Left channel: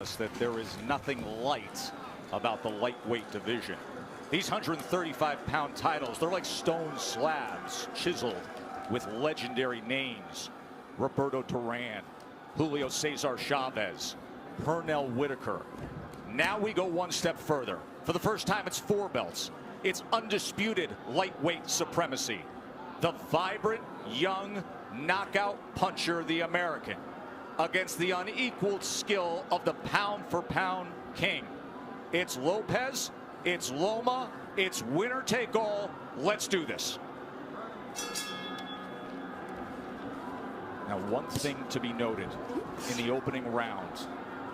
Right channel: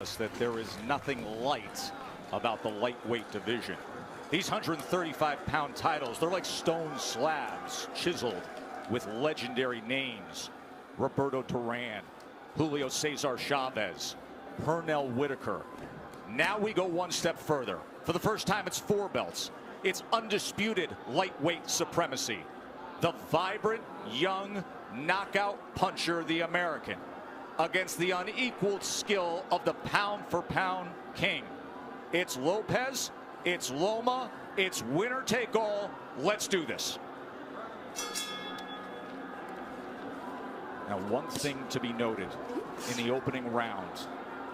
that there is nothing light about the lightweight division. These 135-pound titles, they're like stone slabs chiseled with legendary names. Roberto Duran, Julio Cesar Chavez, Pernell Whitaker. Now we go one step further. For the first time, it's 4 belts. It's undisputed lightweight supremacy. The vibrant, young, knockout puncher, the American, against the unequaled skill of the pound-for-pound king. It's Lopez, it's Loma, it's winner take all. Let's do this. Now, one thing to be noted in the opening round,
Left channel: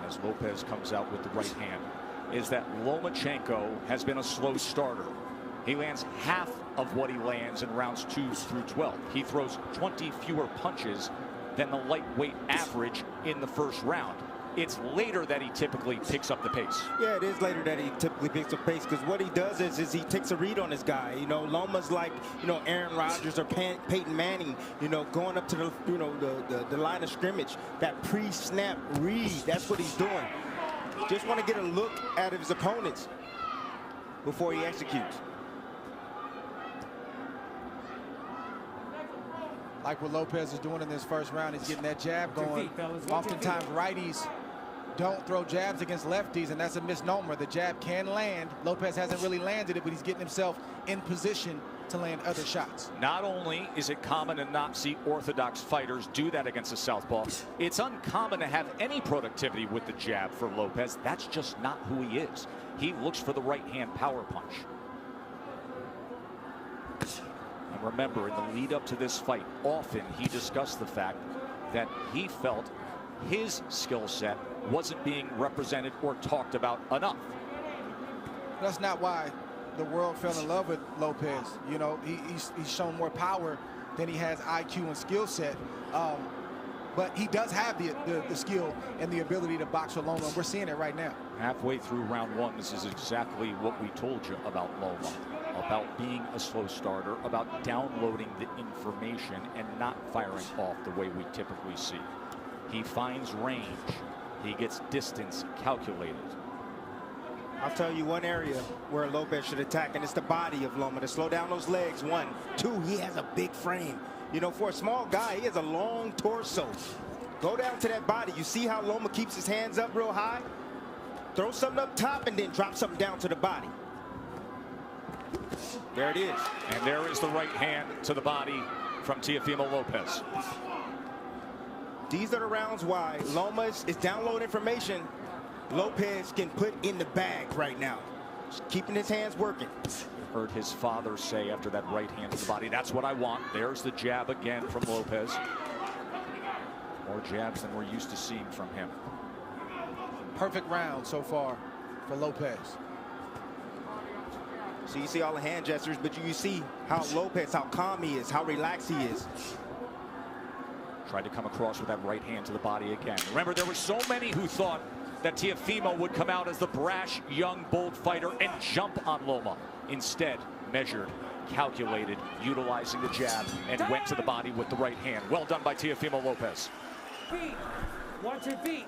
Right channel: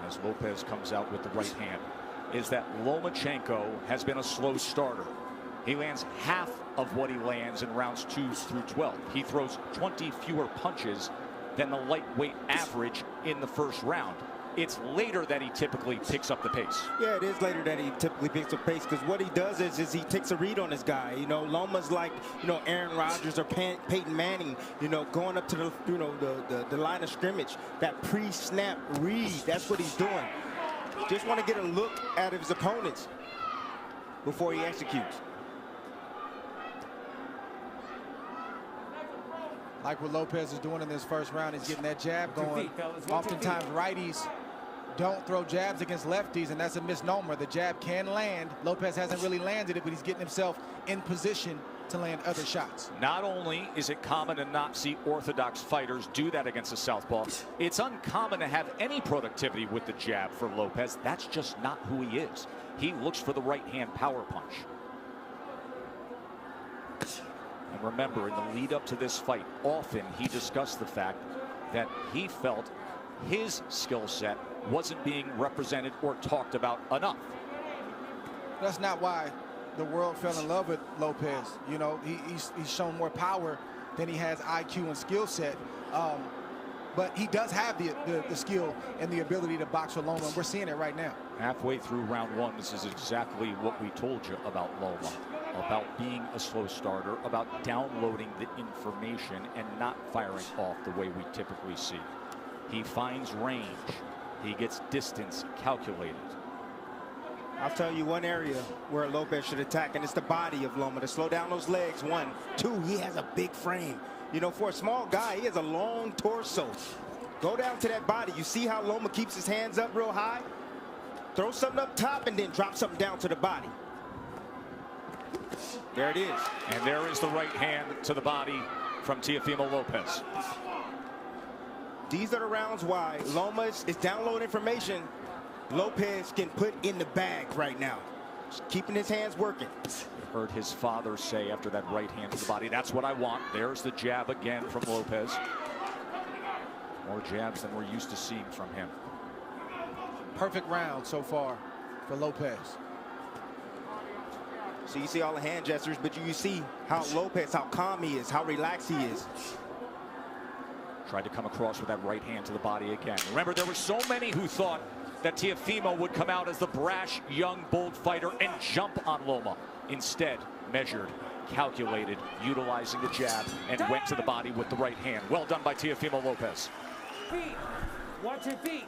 as Lopez comes out with the right hand, is that Lomachenko has been a slow starter. He lands half of what he lands in rounds 2 through 12. He throws 20 fewer punches than the lightweight average in the first round. It's later that he typically picks up the pace. Yeah, it is later that he typically picks up pace, because what he does is he takes a read on his guy. You know, Loma's like, you know, Aaron Rodgers or Peyton Manning, you know, going up to the, you know, the line of scrimmage. That pre-snap read, that's what he's doing. Just want to get a look at his opponents before he executes. Like what Lopez is doing in this first round, he's getting that jab going. Oftentimes righties don't throw jabs against lefties, and that's a misnomer. The jab can land. Lopez hasn't really landed it, but he's getting himself in position to land other shots. Not only is it common to not see orthodox fighters do that against a southpaw, it's uncommon to have any productivity with the jab for Lopez. That's just not who he is. He looks for the right-hand power punch. And remember, in the lead up to this fight, often he discussed the fact that he felt his skill set wasn't being represented or talked about enough. That's not why the world fell in love with Lopez. You know, he's shown more power than he has IQ and skill set. But he does have the skill and the ability to box with Loma, and we're seeing it right now. Halfway through round 1, this is exactly what we told you about Loma. About being a slow starter, about downloading the information and not firing off the way we typically see. He finds range. He gets distance calculated. I'll tell you one area where Lopez should attack, and it's the body of Loma, to slow down those legs. 1, 2, he has a big frame. You know, for a small guy, he has a long torso. Go down to that body. You see how Loma keeps his hands up real high? Throw something up top and then drop something down to the body. There it is. And there is the right hand to the body from Teofimo Lopez. These are the rounds why Loma is downloading information Lopez can put in the bag right now. Keeping his hands working. You heard his father say after that right hand to the body, that's what I want. There's the jab again from Lopez. More jabs than we're used to seeing from him. Perfect round so far for Lopez. So you see all the hand gestures, but you see how Lopez, how calm he is, how relaxed he is. Tried to come across with that right hand to the body again. Remember, there were so many who thought that Teofimo would come out as the brash, young, bold fighter and jump on Loma. Instead, measured, calculated, utilizing the jab, and went to the body with the right hand. Well done by Teofimo Lopez. Feet. Watch your feet.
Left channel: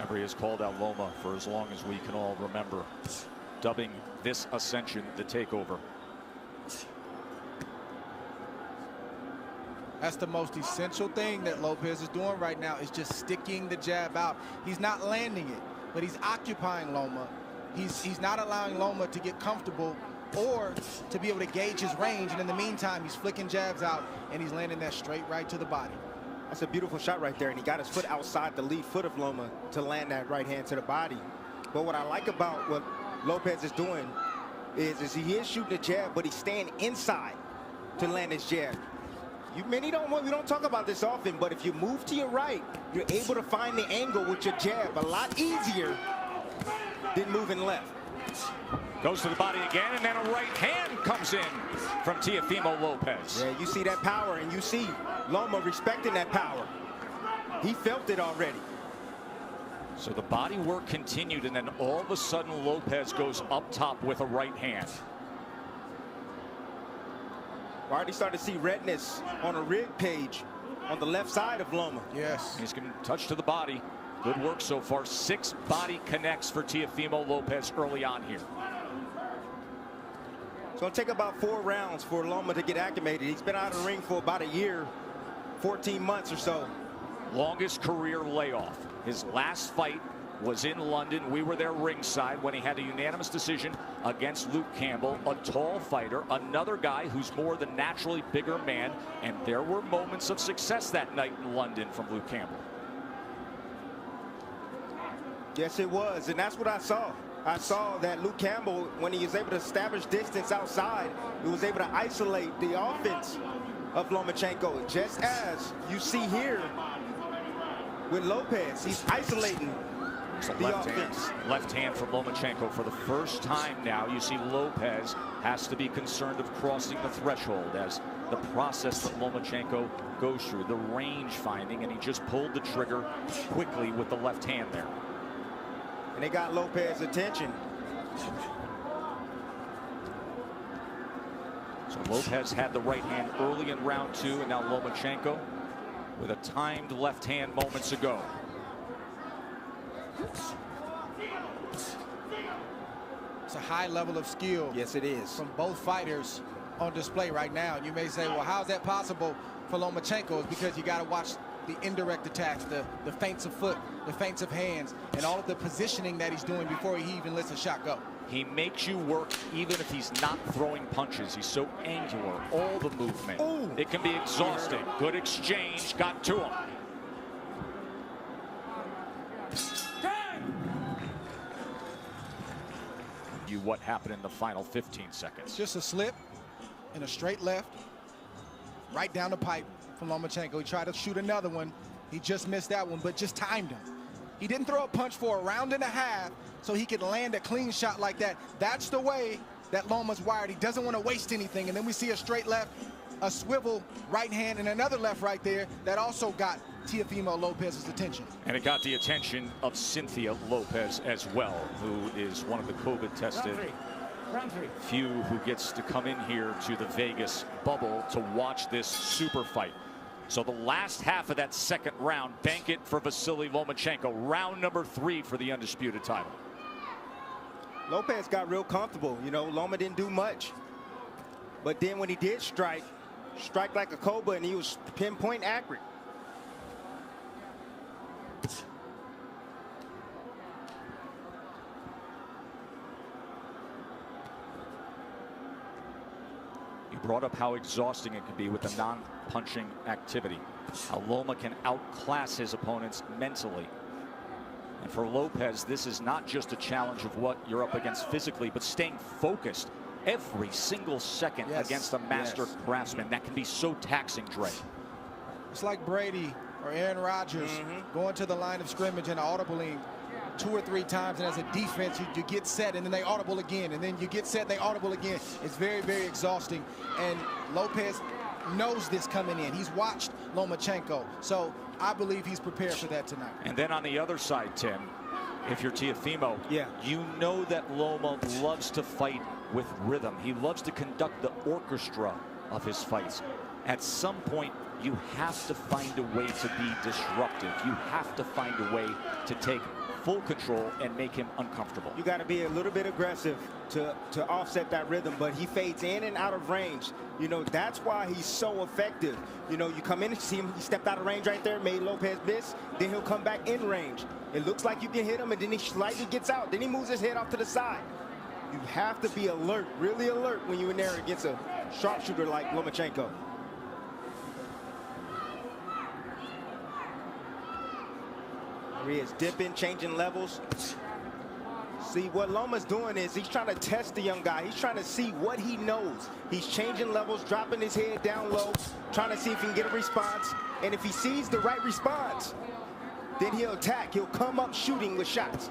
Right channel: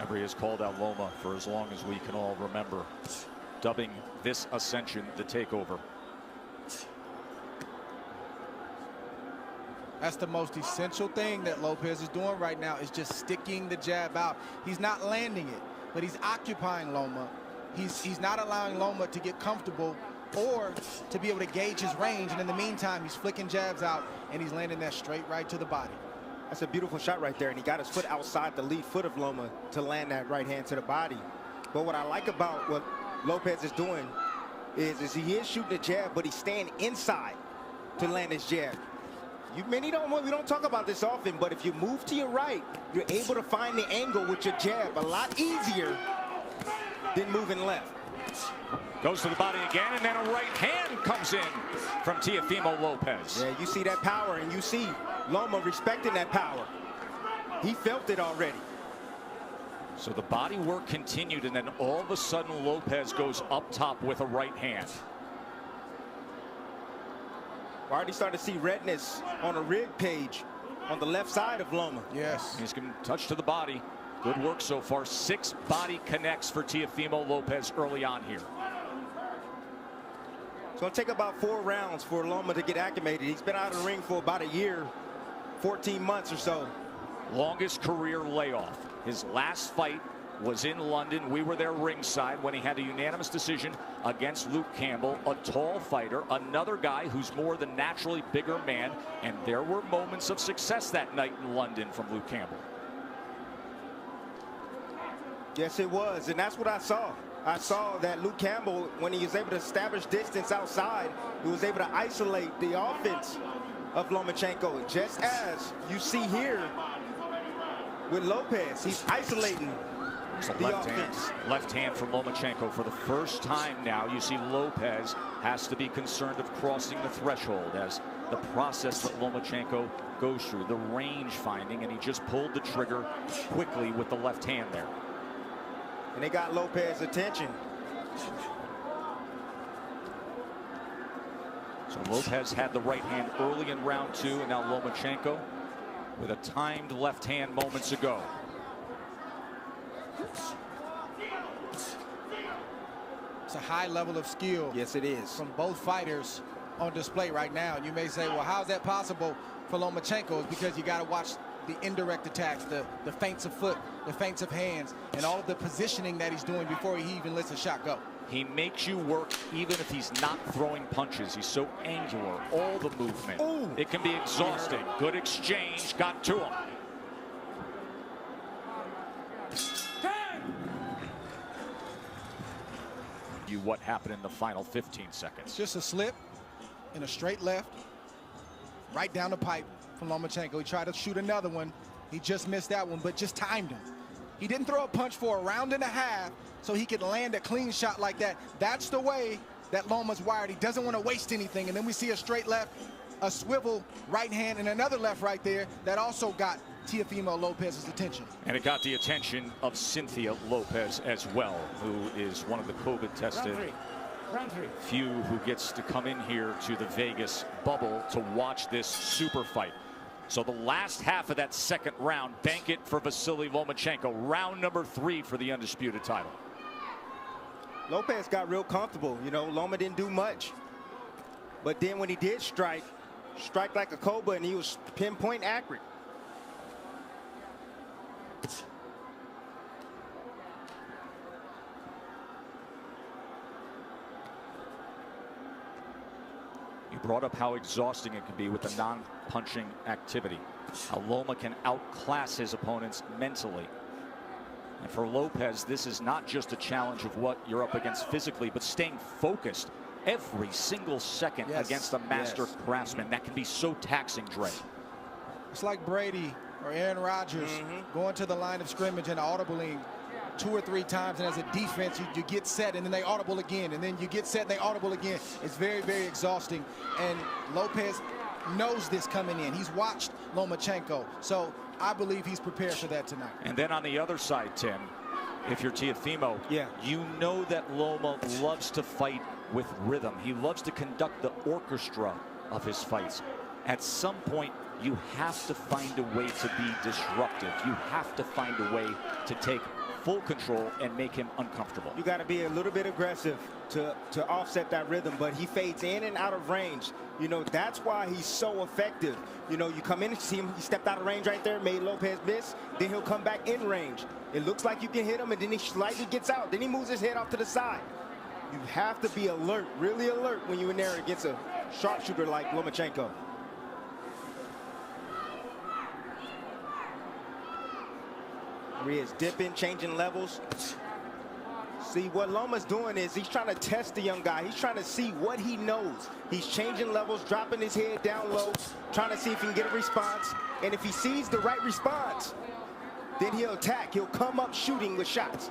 Emery has called out Loma for as long as we can all remember, dubbing this ascension the takeover. That's the most essential thing that Lopez is doing right now, is just sticking the jab out. He's not landing it, but he's occupying Loma. He's not allowing Loma to get comfortable or to be able to gauge his range. And in the meantime, he's flicking jabs out, and he's landing that straight right to the body. That's a beautiful shot right there, and he got his foot outside the lead foot of Loma to land that right hand to the body. But what I like about what Lopez is doing is he is shooting a jab, but he's staying inside to land his jab. We don't talk about this often, but if you move to your right, you're able to find the angle with your jab a lot easier than moving left. Goes to the body again, and then a right hand comes in from Teofimo Lopez. Yeah, you see that power, and you see Loma respecting that power. He felt it already. So the body work continued, and then all of a sudden Lopez goes up top with a right hand. We're already starting to see redness on a rig page on the left side of Loma. Yes. He's going to touch to the body. Good work so far. 6 body connects for Teofimo Lopez early on here. It's going to take about 4 rounds for Loma to get acclimated. He's been out of the ring for about a year, 14 months or so. Longest career layoff. His last fight was in London. We were there ringside when he had a unanimous decision against Luke Campbell, a tall fighter, another guy who's more the naturally bigger man, and there were moments of success that night in London from Luke Campbell. Yes, it was, and that's what I saw. I saw that Luke Campbell, when he was able to establish distance outside, he was able to isolate the offense of Lomachenko, just as you see here with Lopez. He's isolating the offense. Left hand from Lomachenko. For the first time now, you see Lopez has to be concerned of crossing the threshold as the process that Lomachenko goes through, the range finding, and he just pulled the trigger quickly with the left hand there. And they got Lopez's attention. So Lopez had the right hand early in round 2, and now Lomachenko with a timed left hand moments ago. It's a high level of skill. Yes, it is. From both fighters on display right now. And you may say, well, how's that possible for Lomachenko? It's because you got to watch the indirect attacks, the feints of foot, the feints of hands, and all of the positioning that he's doing before he even lets a shot go. He makes you work even if he's not throwing punches. He's so angular, all the movement. Ooh. It can be exhausting. Good exchange, got to him. What happened in the final 15 seconds? Just a slip and a straight left, right down the pipe from Lomachenko. He tried to shoot another one. He just missed that one, but just timed him. He didn't throw a punch for a round and a half so he could land a clean shot like that. That's the way that Loma's wired. He doesn't want to waste anything. And then we see a straight left, a swivel right hand, and another left right there that also got Teofimo Lopez's attention. And it got the attention of Cynthia Lopez as well, who is one of the COVID-tested few who gets to come in here to the Vegas bubble to watch this super fight. So the last half of that second round, bank it for Vasily Lomachenko. Round number 3 for the undisputed title. Lopez got real comfortable. You know, Loma didn't do much. But then when he did strike like a cobra, and he was pinpoint accurate. You brought up how exhausting it can be with the non-punching activity. How Loma can outclass his opponents mentally. And for Lopez, this is not just a challenge of what you're up against physically, but staying focused every single second against a master craftsman. That can be so taxing, Dre. It's like Brady or Aaron Rodgers going to the line of scrimmage and audibling 2 or 3 times, and as a defense you get set and then they audible again, and then you get set and they audible again. It's very, very exhausting, and Lopez knows this coming in. He's watched Lomachenko, so I believe he's prepared for that tonight. And then on the other side, Tim, if you're Teofimo, you know that Loma loves to fight with rhythm. He loves to conduct the orchestra of his fights. At some point, you have to find a way to be disruptive. You have to find a way to take full control and make him uncomfortable. You got to be a little bit aggressive to offset that rhythm, but he fades in and out of range. You know, that's why he's so effective. You know, you come in and see him, he stepped out of range right there, made Lopez miss, then he'll come back in range. It looks like you can hit him, and then he slightly gets out. Then he moves his head off to the side. You have to be alert, really alert, when you're in there against a sharpshooter like Lomachenko. There he is, dipping, changing levels. See, what Loma's doing is he's trying to test the young guy. He's trying to see what he knows. He's changing levels, dropping his head down low, trying to see if he can get a response. And if he sees the right response, then he'll attack. He'll come up shooting with shots.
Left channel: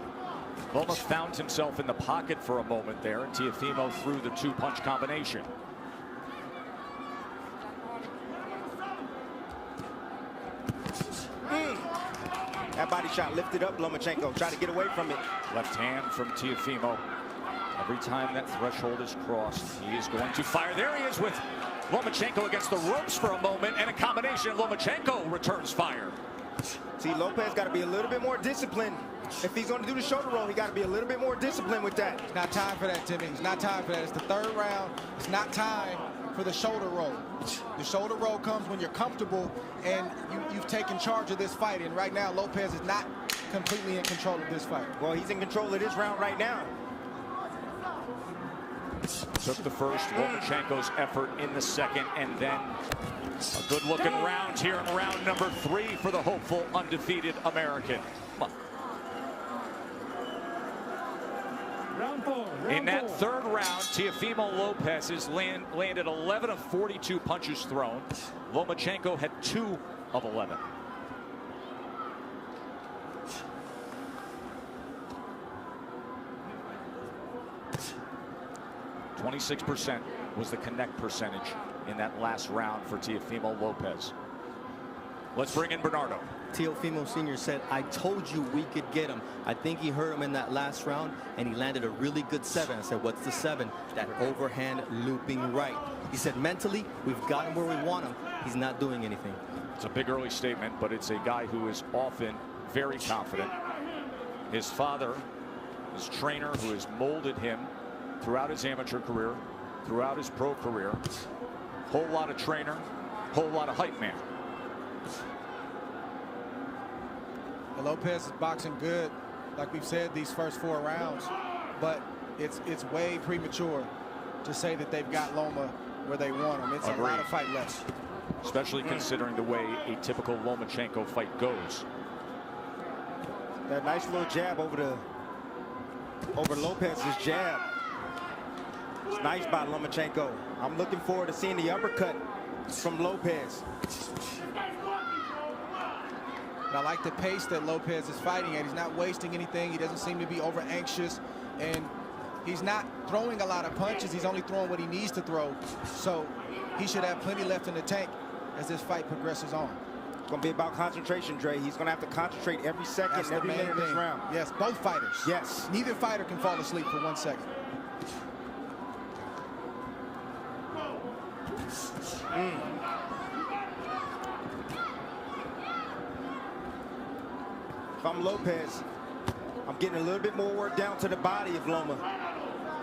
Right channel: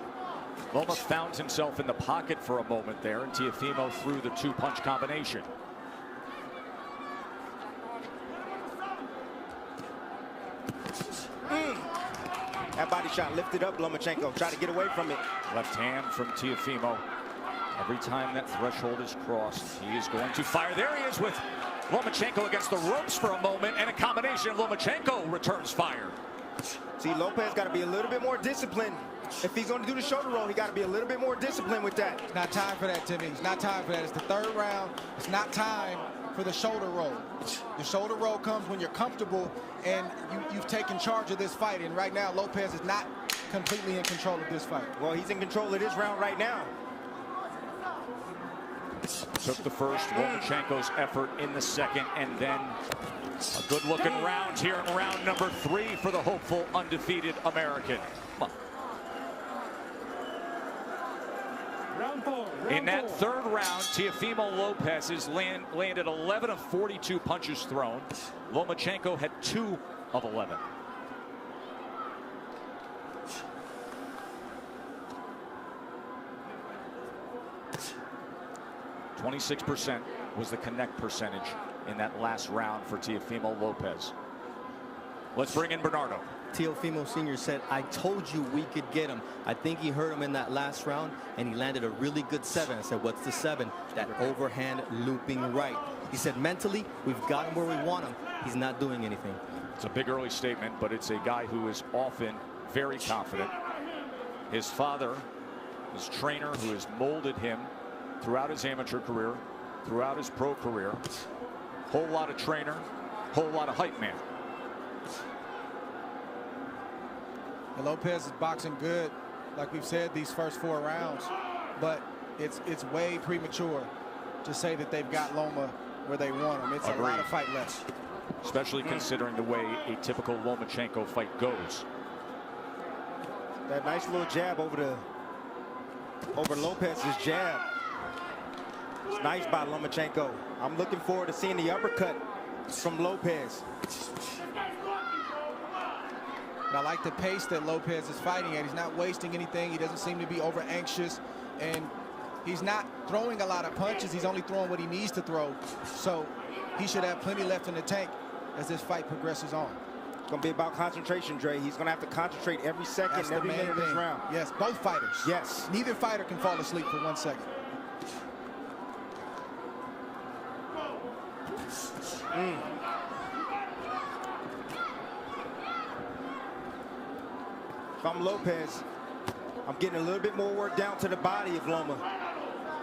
Loma found himself in the pocket for a moment there, and Teofimo threw the 2-punch combination. That body shot lifted up Lomachenko. Try to get away from it. Left hand from Teofimo. Every time that threshold is crossed, he is going to fire. There he is with Lomachenko against the ropes for a moment, and a combination. Lomachenko returns fire. See, Lopez got to be a little bit more disciplined. If he's going to do the shoulder roll, he got to be a little bit more disciplined with that. It's not time for that, Timmy. It's not time for that. It's the third round. It's not time for the shoulder roll. The shoulder roll comes when you're comfortable and you've taken charge of this fight. And right now, Lopez is not completely in control of this fight. Well, he's in control of this round right now. Took the first, Lomachenko's effort in the second, and then a good-looking round here in round number 3 for the hopeful undefeated American. Round 4. In that third round, Teofimo Lopez has landed 11 of 42 punches thrown. Lomachenko had 2 of 11. .26% was the connect percentage in that last round for Teofimo Lopez. Let's bring in Bernardo. Teofimo Sr. said, I told you we could get him. I think he hurt him in that last round, and he landed a really good 7. I said, what's the 7? That overhand looping right. He said, mentally, we've got him where we want him. He's not doing anything. It's a big early statement, but it's a guy who is often very confident. His father, his trainer, who has molded him throughout his amateur career, throughout his pro career. Whole lot of trainer, whole lot of hype man. And Lopez is boxing good, like we've said, these first 4 rounds. But it's way premature to say that they've got Loma where they want him. It's a lot of fight left. Especially considering the way a typical Lomachenko fight goes. That nice little jab over Lopez's jab. It's nice by Lomachenko. I'm looking forward to seeing the uppercut from Lopez. And I like the pace that Lopez is fighting at. He's not wasting anything. He doesn't seem to be over anxious. And he's not throwing a lot of punches. He's only throwing what he needs to throw. So he should have plenty left in the tank as this fight progresses on. It's going to be about concentration, Dre. He's going to have to concentrate every second, every minute of this round. Yes, both fighters. Yes. Neither fighter can fall asleep for 1 second. If I'm Lopez, I'm getting a little bit more work down to the body of Loma.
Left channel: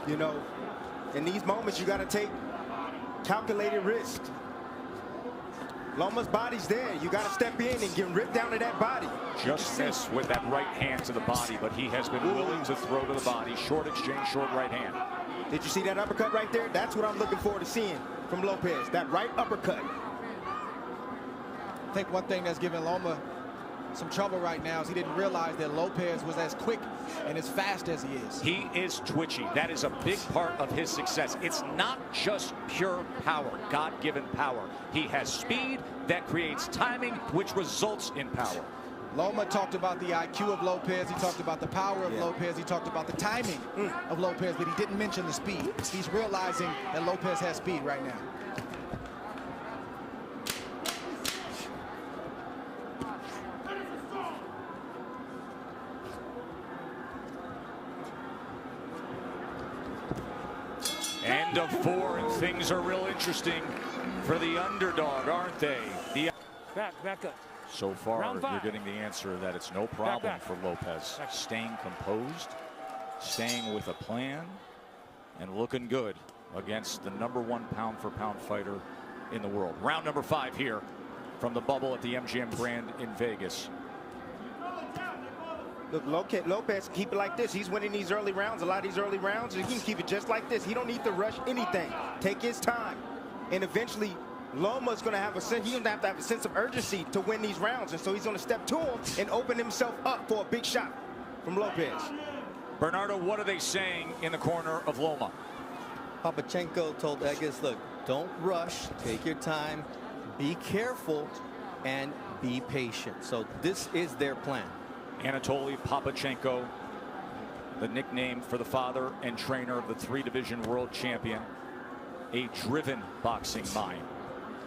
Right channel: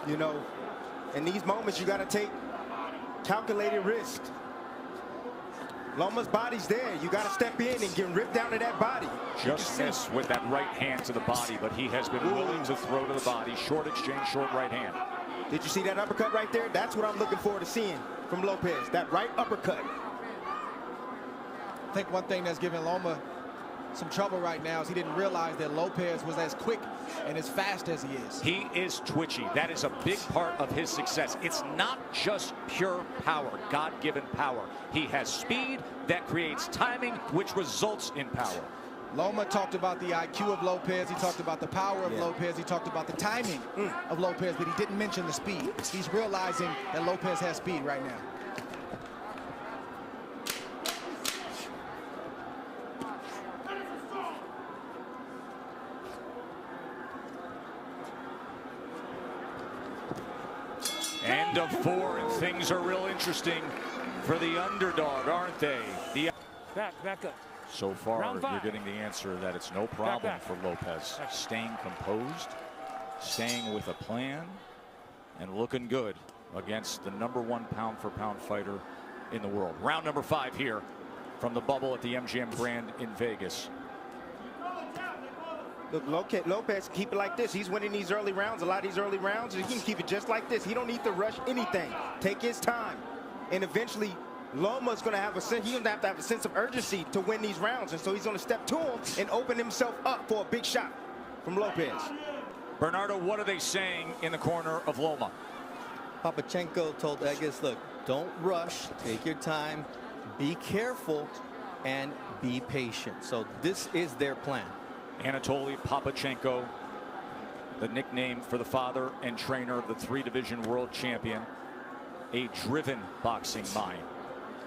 You know, in these moments, you got to take calculated risk. Loma's body's there. You got to step in and get ripped down to that body. Just missed with that right hand to the body, but he has been willing to throw to the body. Short exchange, short right hand. Did you see that uppercut right there? That's what I'm looking forward to seeing from Lopez. That right uppercut. I think one thing that's giving Loma some trouble right now is he didn't realize that Lopez was as quick and as fast as he is. He is twitchy. That is a big part of his success. It's not just pure power, God-given power. He has speed that creates timing, which results in power. Loma talked about the IQ of Lopez. He talked about the power of Lopez. He talked about the timing of Lopez, but he didn't mention the speed. He's realizing that Lopez has speed right now. End of 4, and things are real interesting for the underdog, aren't they? Back up. So far, Round 5. you're getting the answer that it's no problem for Lopez. Staying composed, staying with a plan, and looking good against the #1 pound-for-pound fighter in the world. Round number 5 here from the bubble at the MGM Grand in Vegas. Look, Lopez, keep it like this. He's winning these early rounds. A lot of these early rounds, he can keep it just like this. He don't need to rush anything. Take his time. And eventually, Loma's going to have a sense. He's going to have a sense of urgency to win these rounds. And so he's going to step to him and open himself up for a big shot from Lopez. Bernardo, what are they saying in the corner of Loma? Lomachenko told Egas, look, don't rush. Take your time. Be careful and be patient. So this is their plan. Anatoly Papachenko, the nickname for the father and trainer of the 3-division world champion, a driven boxing mind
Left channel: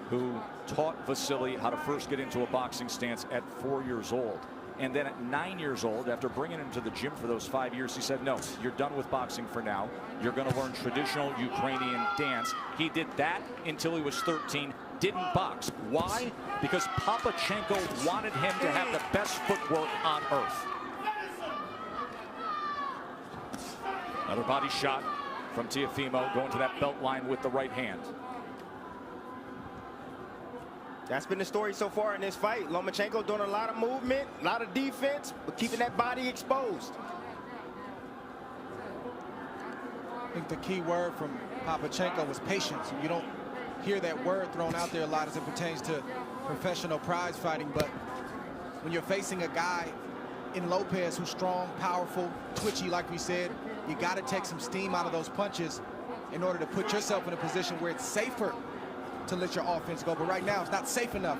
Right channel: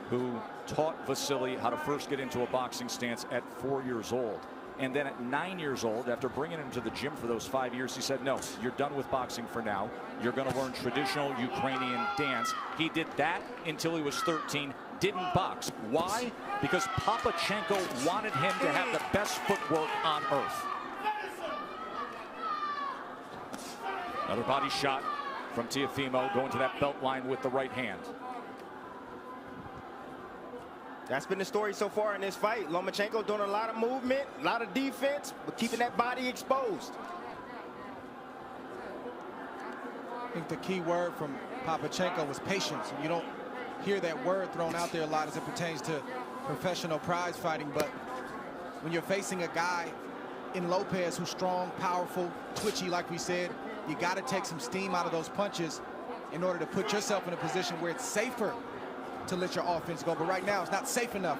who taught Vasily how to first get into a boxing stance at 4 years old. And then at 9 years old, after bringing him to the gym for those 5 years, he said, no, you're done with boxing for now. You're going to learn traditional Ukrainian dance. He did that until he was 13, didn't box. Why? Because Lomachenko wanted him to have the best footwork on earth. Another body shot from Teofimo, going to that belt line with the right hand. That's been the story so far in this fight. Lomachenko doing a lot of movement, a lot of defense, but keeping that body exposed. I think the key word from Lomachenko was patience. And you don't hear that word thrown out there a lot as it pertains to professional prize fighting. But when you're facing a guy in Lopez who's strong, powerful, twitchy, like we said, you got to take some steam out of those punches in order to put yourself in a position where it's safer to let your offense go. But right now, it's not safe enough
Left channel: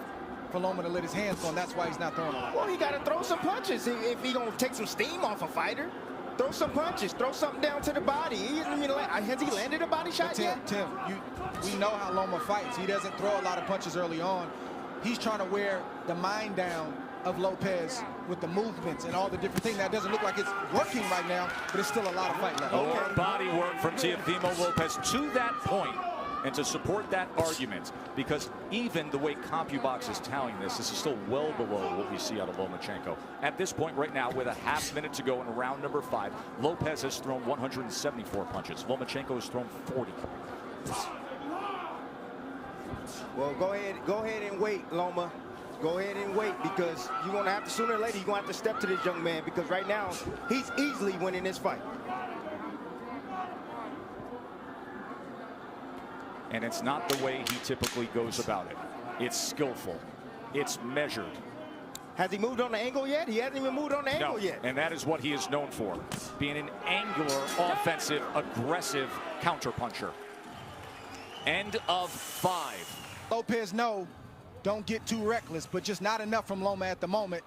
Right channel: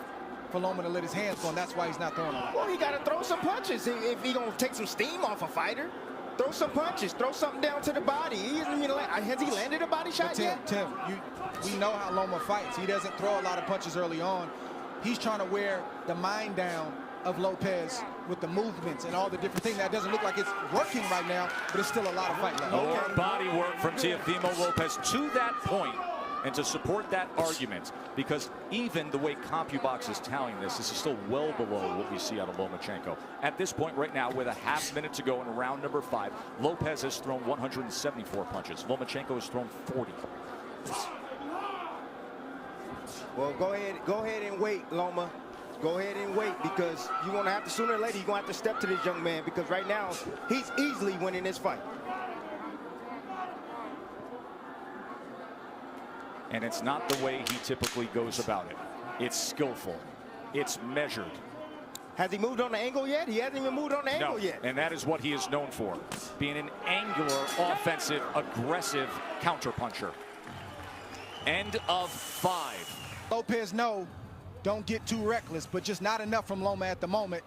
for Loma to let his hands go, and that's why he's not throwing a lot. Well, he got to throw some punches if he going to take some steam off a fighter. Throw some punches. Throw something down to the body. Has he landed a body shot yet? Tim, we know how Loma fights. He doesn't throw a lot of punches early on. He's trying to wear the mind down of Lopez with the movements and all the different things. That doesn't look like it's working right now, but it's still a lot of fight left. More body work from Teofimo Lopez to that point. And to support that argument, because even the way CompuBox is tallying this is still well below what we see out of Lomachenko. At this point right now, with a half minute to go in round number 5, Lopez has thrown 174 punches. Lomachenko has thrown 40. Well, go ahead and wait, Loma. Go ahead and wait, because you're going to have to, sooner or later, you're going to have to step to this young man, because right now, he's easily winning this fight. And it's not the way he typically goes about it. It's skillful. It's measured. Has he moved on the angle yet? He hasn't even moved on the angle yet. And that is what he is known for, being an angular, offensive, aggressive counterpuncher. End of 5. Lopez, don't get too reckless, but just not enough from Loma at the moment.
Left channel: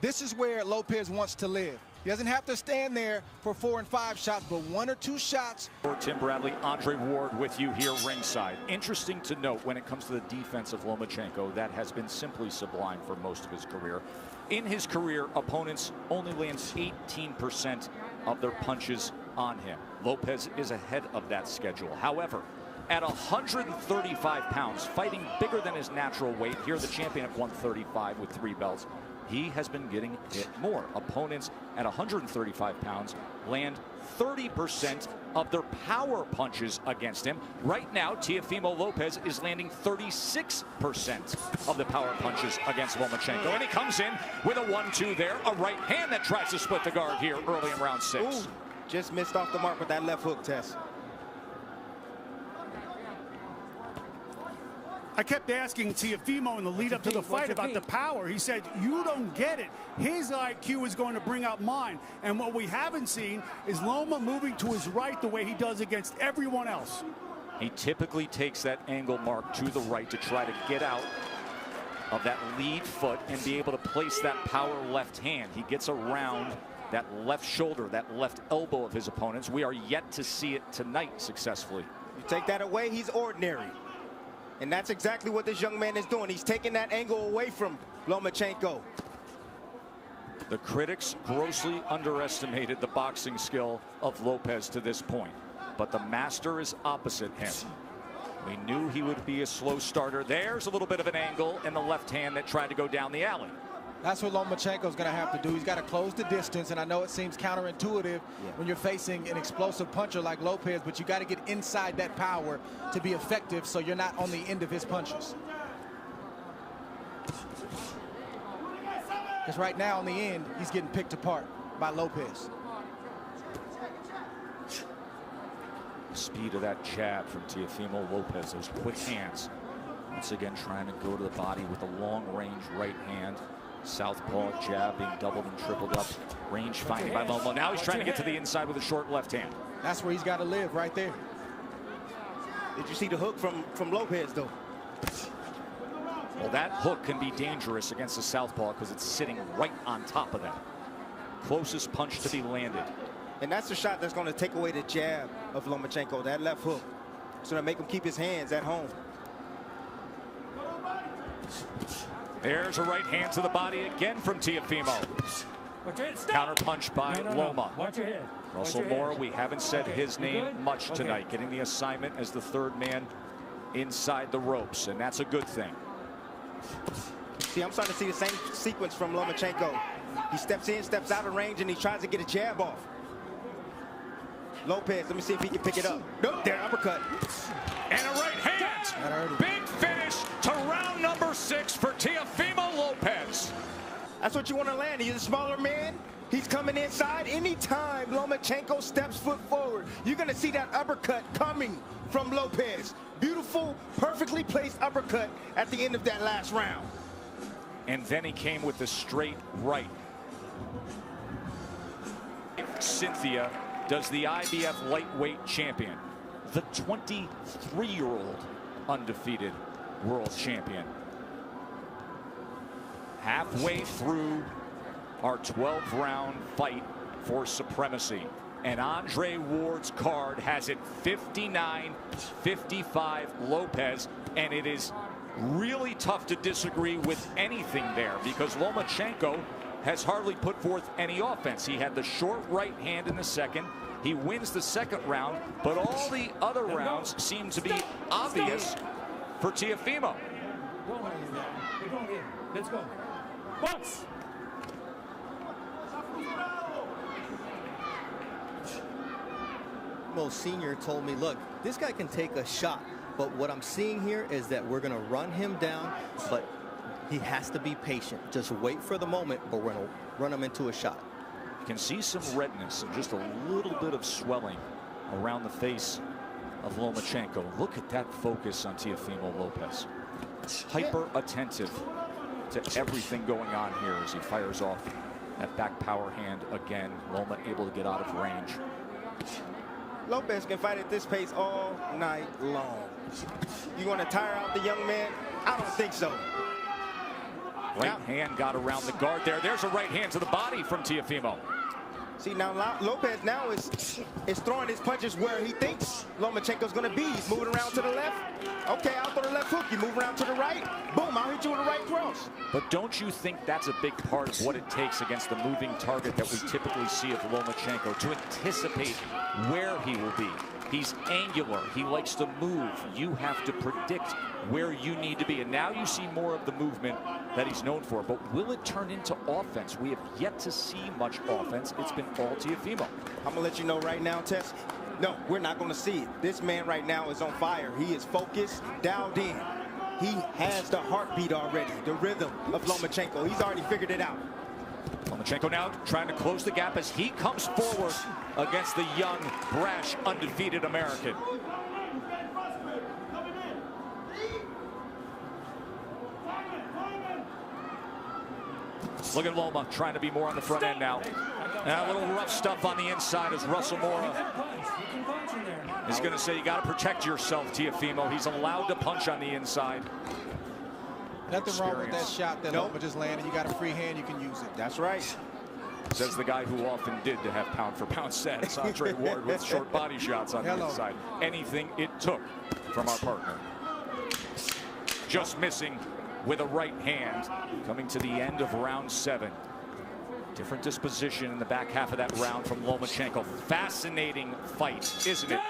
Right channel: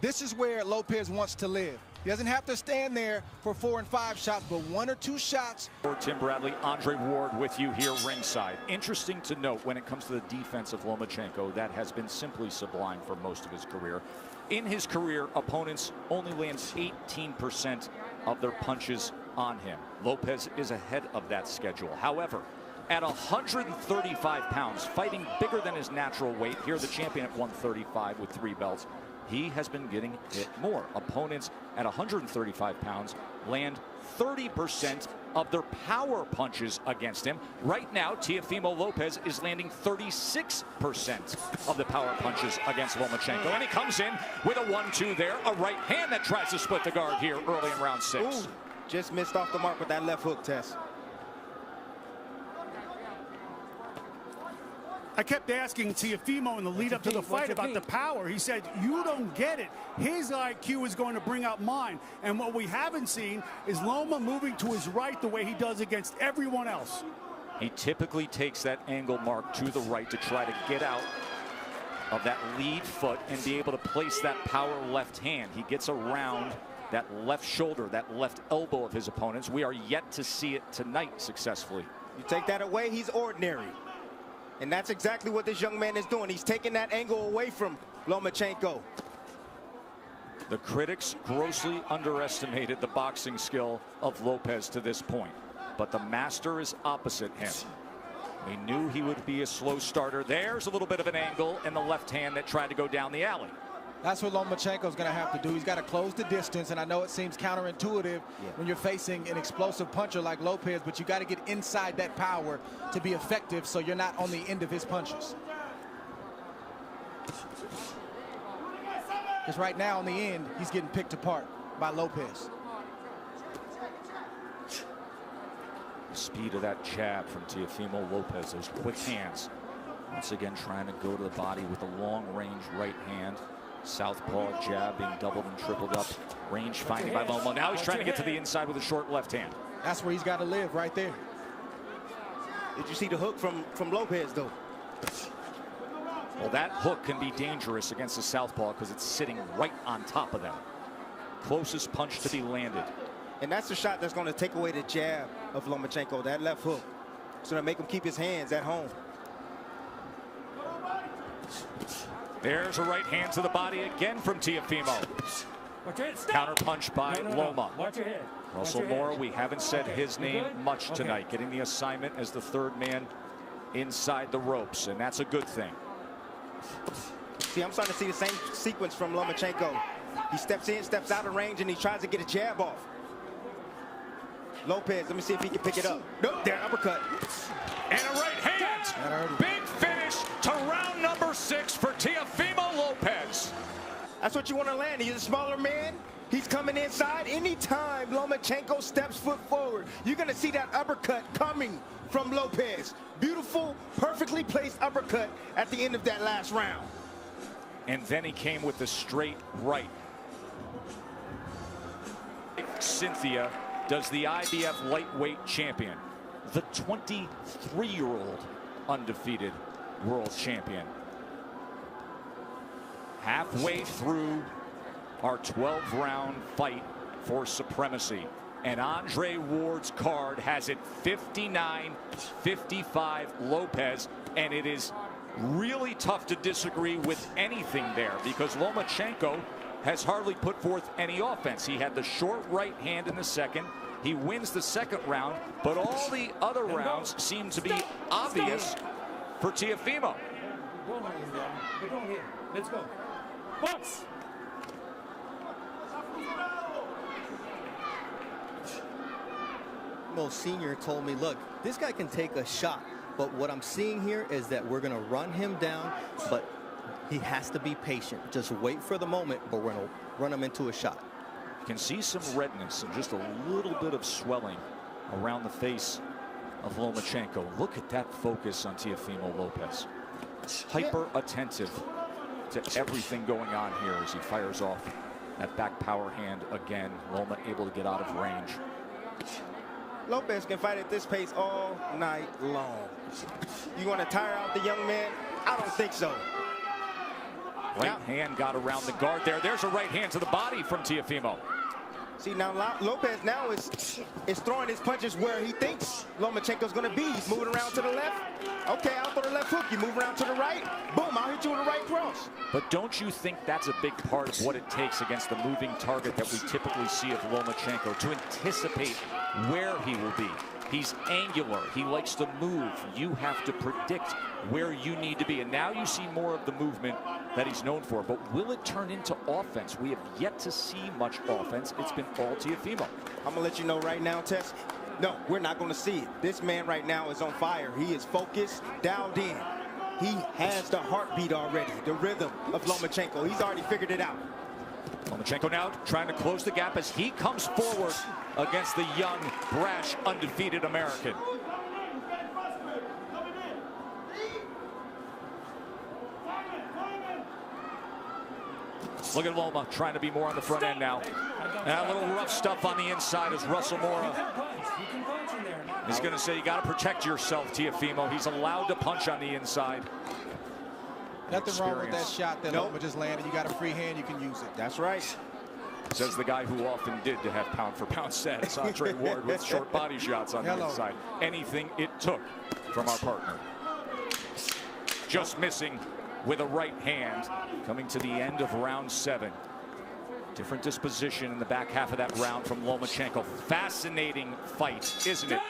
This is where Lopez wants to live. He doesn't have to stand there for 4 and 5 shots, but 1 or 2 shots. Tim Bradley, Andre Ward with you here ringside. Interesting to note when it comes to the defense of Lomachenko, that has been simply sublime for most of his career. In his career, opponents only land 18% of their punches on him. Lopez is ahead of that schedule. However, at 135 pounds, fighting bigger than his natural weight, here the champion at 135 with 3 belts, he has been getting hit more. Opponents at 135 pounds land 30% of their power punches against him. Right now, Teofimo Lopez is landing 36% of the power punches against Lomachenko. And he comes in with a 1-2 there, a right hand that tries to split the guard here early in round 6. Ooh, just missed off the mark with that left hook, Tess. I kept asking Teofimo in the lead up to the fight about the power. He said, you don't get it. His IQ is going to bring out mine. And what we haven't seen is Loma moving to his right the way he does against everyone else. He typically takes that angle mark to the right to try to get out of that lead foot and be able to place that power left hand. He gets around that left shoulder, that left elbow of his opponents. We are yet to see it tonight successfully. You take that away, he's ordinary. And that's exactly what this young man is doing. He's taking that angle away from Lomachenko. The critics grossly underestimated the boxing skill of Lopez to this point. But the master is opposite him. We knew he would be a slow starter. There's a little bit of an angle in the left hand that tried to go down the alley. That's what Lomachenko's going to have to do. He's got to close the distance, and I know it seems counterintuitive when you're facing an explosive puncher like Lopez, but you got to get inside that power to be effective so you're not on the end of his punches. Because right now, in the end, he's getting picked apart by Lopez. The speed of that jab from Teofimo Lopez, those quick hands. Once again, trying to go to the body with a long-range right hand. Southpaw jab being doubled and tripled up. Range finding by Loma. Now he's trying to get to the inside with a short left hand. That's where he's got to live, right there. Did you see the hook from Lopez, though? Well, that hook can be dangerous against the southpaw because it's sitting right on top of them. Closest punch to be landed. And that's the shot that's going to take away the jab of Lomachenko, that left hook. It's going to make him keep his hands at home. There's a right hand to the body again from Teofimo. Watch your head. Stop. Counter punch by Loma. Watch your head. Russell Mora, we haven't said his name much tonight, getting the assignment as the third man inside the ropes, and that's a good thing. See, I'm starting to see the same sequence from Lomachenko. He steps in, steps out of range, and he tries to get a jab off. Lopez, let me see if he can pick it up. Nope, there, uppercut. And a right hand. Big finish to round number 6 for Teofimo Lopez. That's what you want to land. He's a smaller man. He's coming inside. Anytime Lomachenko steps foot forward, you're going to see that uppercut coming from Lopez. Beautiful, perfectly placed uppercut at the end of that last round. And then he came with a straight right. Cynthia does the IBF lightweight champion, the 23-year-old undefeated world champion. Halfway through our 12-round fight for supremacy. And Andre Ward's card has it 59-55 Lopez, and it is really tough to disagree with anything there because Lomachenko has hardly put forth any offense. He had the short right hand in the second. He wins the second round, but all the other rounds seem to be obvious for Teofimo. Don't hold him down, but don't hit him. Let's go. Box! Mo Sr. told me, look, this guy can take a shot, but what I'm seeing here is that we're going to run him down, but he has to be patient. Just wait for the moment, but we're going to run him into a shot. You can see some redness and just a little bit of swelling around the face of Lomachenko. Look at that focus on Teofimo Lopez. Hyper attentive to everything going on here as he fires off that back power hand again. Loma able to get out of range. Lopez can fight at this pace all night long. You want to tire out the young man? I don't think so. Right hand got around the guard there. There's a right hand to the body from Teofimo. See, now Lopez now is throwing his punches where he thinks Lomachenko's going to be. He's moving around to the left. Okay, I'll throw the left hook. You move around to the right. Boom, I'll hit you with a right cross. But don't you think that's a big part of what it takes against the moving target that we typically see of Lomachenko, to anticipate where he will be? He's angular. He likes to move. You have to predict where you need to be. And now you see more of the movement that he's known for. But will it turn into offense? We have yet to see much offense. It's been all Teofimo. I'm going to let you know right now, Tess. No, we're not going to see it. This man right now is on fire. He is focused, dialed in. He has the heartbeat already, the rhythm of Lomachenko. He's already figured it out. Lomachenko now trying to close the gap as he comes forward against the young, brash, undefeated American. Look at Loma trying to be more on the front end now. And a little rough stuff on the inside as Russell Mora is going to say you got to protect yourself, Teofimo. He's allowed to punch on the inside. Nothing wrong with that shot that Loma just landed. You got a free hand, you can use it. That's right. Says the guy who often did to have pound-for-pound status, Andre Ward, with short body shots on the inside. Anything it took from our partner. Just missing with a right hand. Coming to the end of round 7. Different disposition in the back half of that round from Lomachenko. Fascinating fight, isn't it?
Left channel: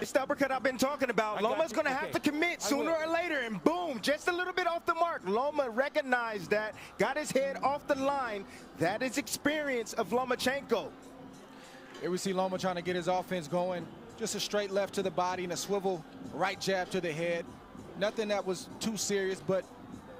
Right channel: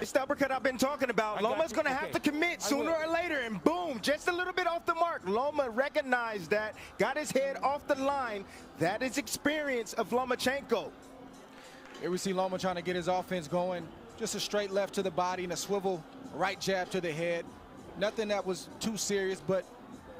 It's the uppercut I've been talking about. Loma's going to have to commit sooner or later, and boom, just a little bit off the mark. Loma recognized that, got his head off the line. That is experience of Lomachenko. Here we see Loma trying to get his offense going. Just a straight left to the body and a swivel right jab to the head. Nothing that was too serious, but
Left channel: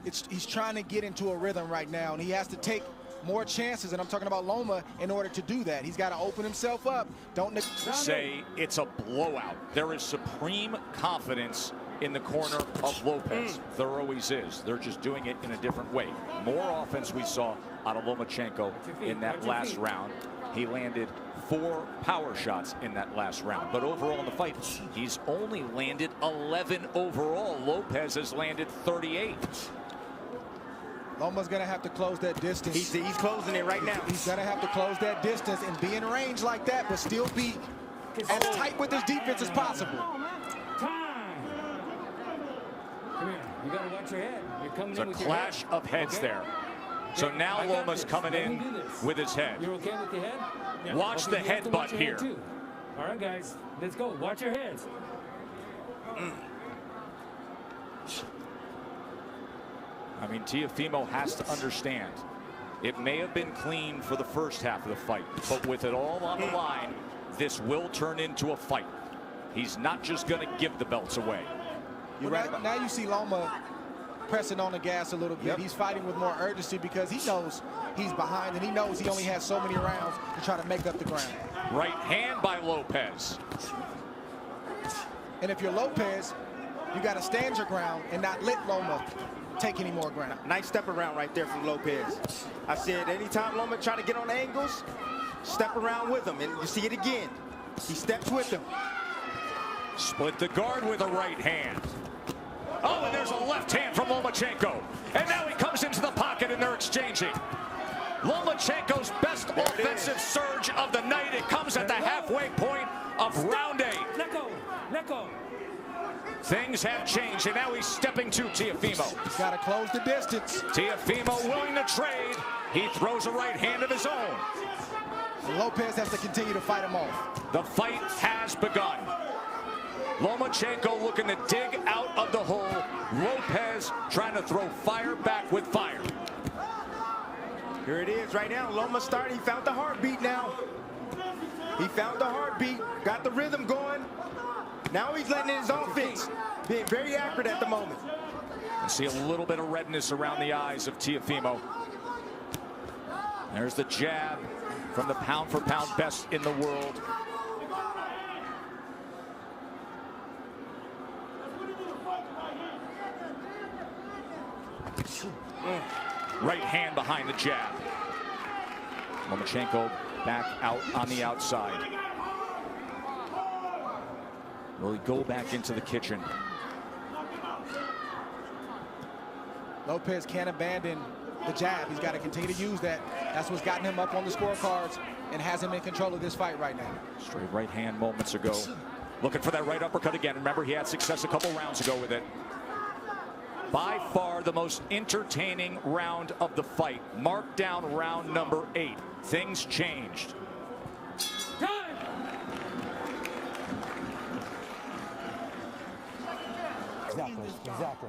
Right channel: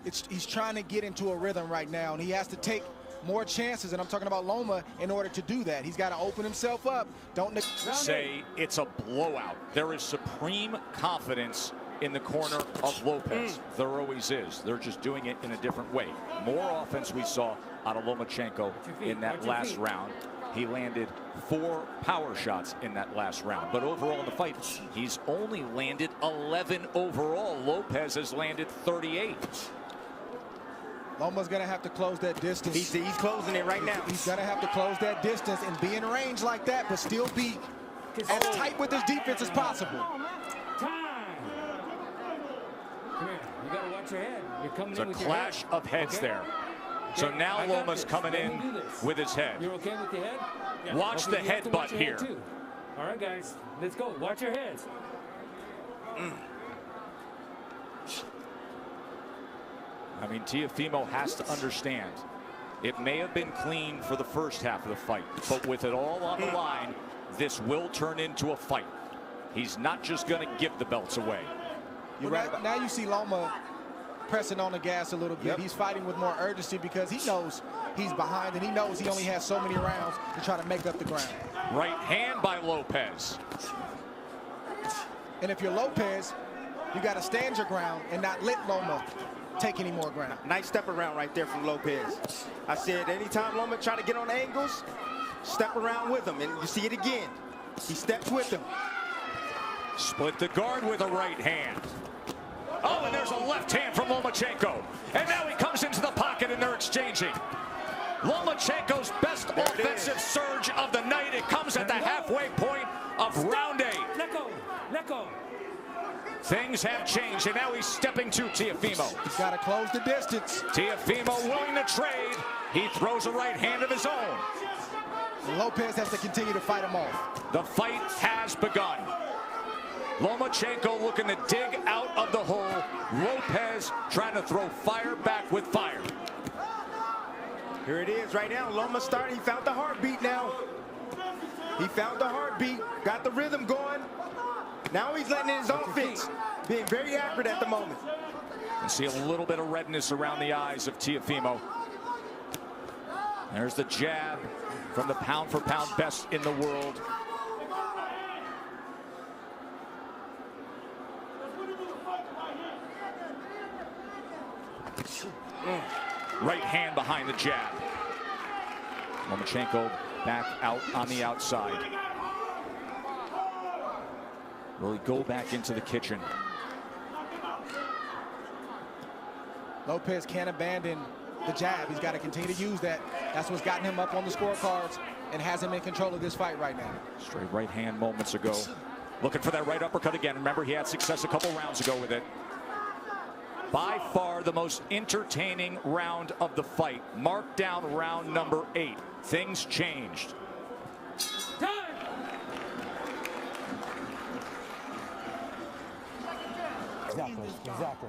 he's trying to get into a rhythm right now, and he has to take more chances, and I'm talking about Loma, in order to do that. He's got to open himself up. Don't say it's a blowout. There is supreme confidence in the corner of Lopez. There always is. They're just doing it in a different way. More offense we saw out of Lomachenko in that last round. He landed 4 power shots in that last round. But overall in the fight, he's only landed 11 overall. Lopez has landed 38. Loma's going to have to close that distance. He's closing it right now. He's going to have to close that distance and be in range like that, but still be as tight with his defense as possible. Come here. You got to watch your head. You're coming It's in a with your head. clash of heads Okay? there. Okay, So now I got Loma's this. coming Let me in do this. with his head. You're okay with your head? Yeah. Watch Okay, the you have to watch headbutt your here. head too. All right, guys. Let's go. Watch your heads. I mean, Teofimo has to understand. It may have been clean for the first half of the fight, but with it all on the line, this will turn into a fight. He's not just going to give the belts away. You're right. Now you see Loma pressing on the gas a little bit. Yep. He's fighting with more urgency because he knows he's behind and he knows he only has so many rounds to try to make up the ground. Right hand by Lopez. And if you're Lopez, you got to stand your ground and not let Loma take any more ground. Nice step around right there from Lopez. I said anytime Loma try to get on angles, step around with him. And you see it again. He steps with him. Split the guard with a right hand. Oh, and there's a left hand from Lomachenko. And now he comes into the pocket and they're exchanging. Lomachenko's best offensive surge of the night. It comes at the halfway point of round 8. Let go. Let go. Things have changed, and now he's stepping to Teofimo. He's got to close the distance. Teofimo willing to trade. He throws a right hand of his own. And Lopez has to continue to fight him off. The fight has begun. Lomachenko looking to dig out of the hole. Lopez trying to throw fire back with fire. Here it is right now. Loma started. He found the heartbeat now. He found the heartbeat. Got the rhythm going. Now he's letting in his offense. Being very accurate at the moment. You can see a little bit of redness around the eyes of Teofimo. There's the jab from the pound-for-pound best in the world. Right hand behind the jab. Lomachenko back out on the outside. Will he go back into the kitchen? Lopez can't abandon the jab. He's got to continue to use that. That's what's gotten him up on the scorecards and has him in control of this fight right now. Straight right hand moments ago. Looking for that right uppercut again. Remember, he had success a couple rounds ago with it. By far the most entertaining round of the fight. Mark down round number 8. Things changed. Exactly.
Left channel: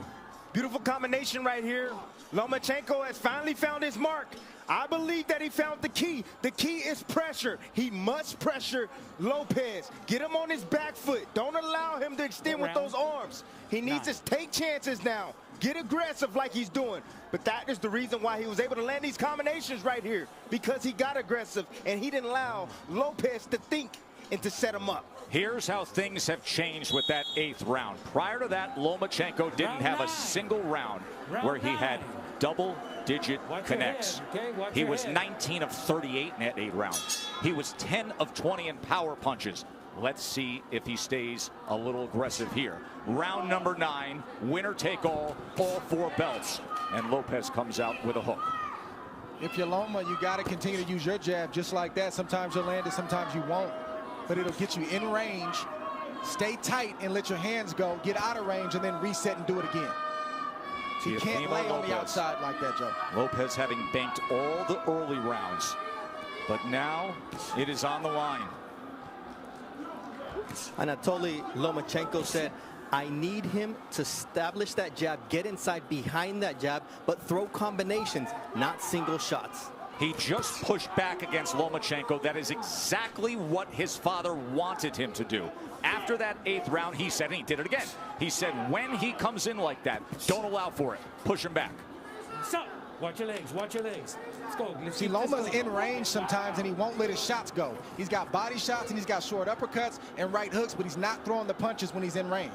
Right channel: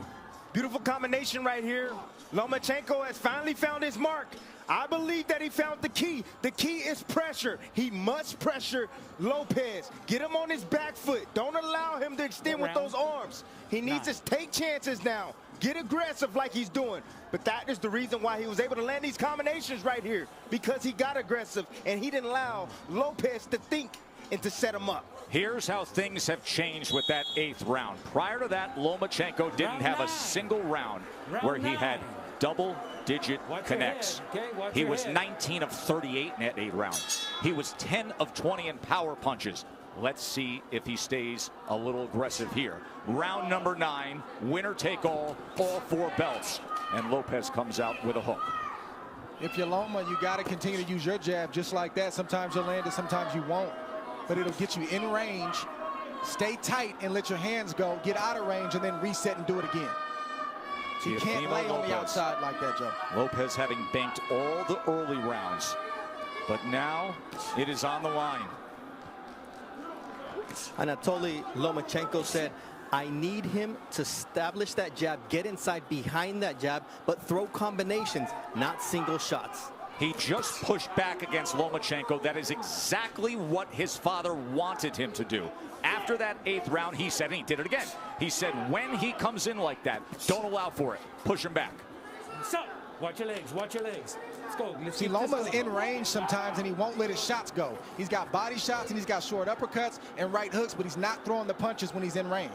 Beautiful combination right here. Lomachenko has finally found his mark. I believe that he found the key. The key is pressure. He must pressure Lopez. Get him on his back foot. Don't allow him to extend with those arms. He needs to take chances now. Get aggressive like he's doing. But that is the reason why he was able to land these combinations right here. Because he got aggressive and he didn't allow Lopez to think and to set him up. Here's how things have changed with that 8th round. Prior to that, Lomachenko didn't have a single round where he had double-digit connects. He was 19 of 38 in that 8 rounds. He was 10 of 20 in power punches. Let's see if he stays a little aggressive here. Round number 9, winner take all 4 belts. And Lopez comes out with a hook. If you're Loma, you got to continue to use your jab just like that. Sometimes you'll land it, sometimes you won't. But it'll get you in range. Stay tight and let your hands go. Get out of range and then reset and do it again. So you can't lay on the outside like that, Joe. Lopez having banked all the early rounds. But now it is on the line. Anatoly Lomachenko said, I need him to establish that jab, get inside behind that jab, but throw combinations, not single shots. He just pushed back against Lomachenko. That is exactly what his father wanted him to do. After that 8th round, he said, and he did it again. He said, when he comes in like that, don't allow for it. Push him back. So, watch your legs. Watch your legs. Let's go. See, Loma's in range sometimes, and he won't let his shots go. He's got body shots, and he's got short uppercuts and right hooks, but he's not throwing the punches when he's in range.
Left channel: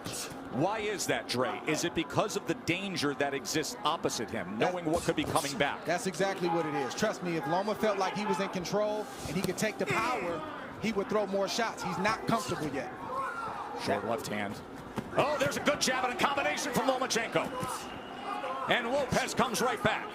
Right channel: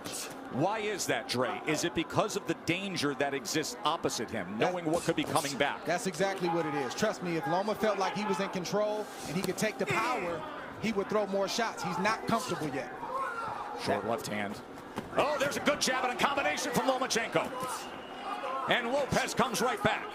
Why is that, Dre? Is it because of the danger that exists opposite him, knowing what could be coming back? That's exactly what it is. Trust me, if Loma felt like he was in control and he could take the power, he would throw more shots. He's not comfortable yet. Short left hand. Oh, there's a good jab and a combination from Lomachenko. And Lopez comes right back.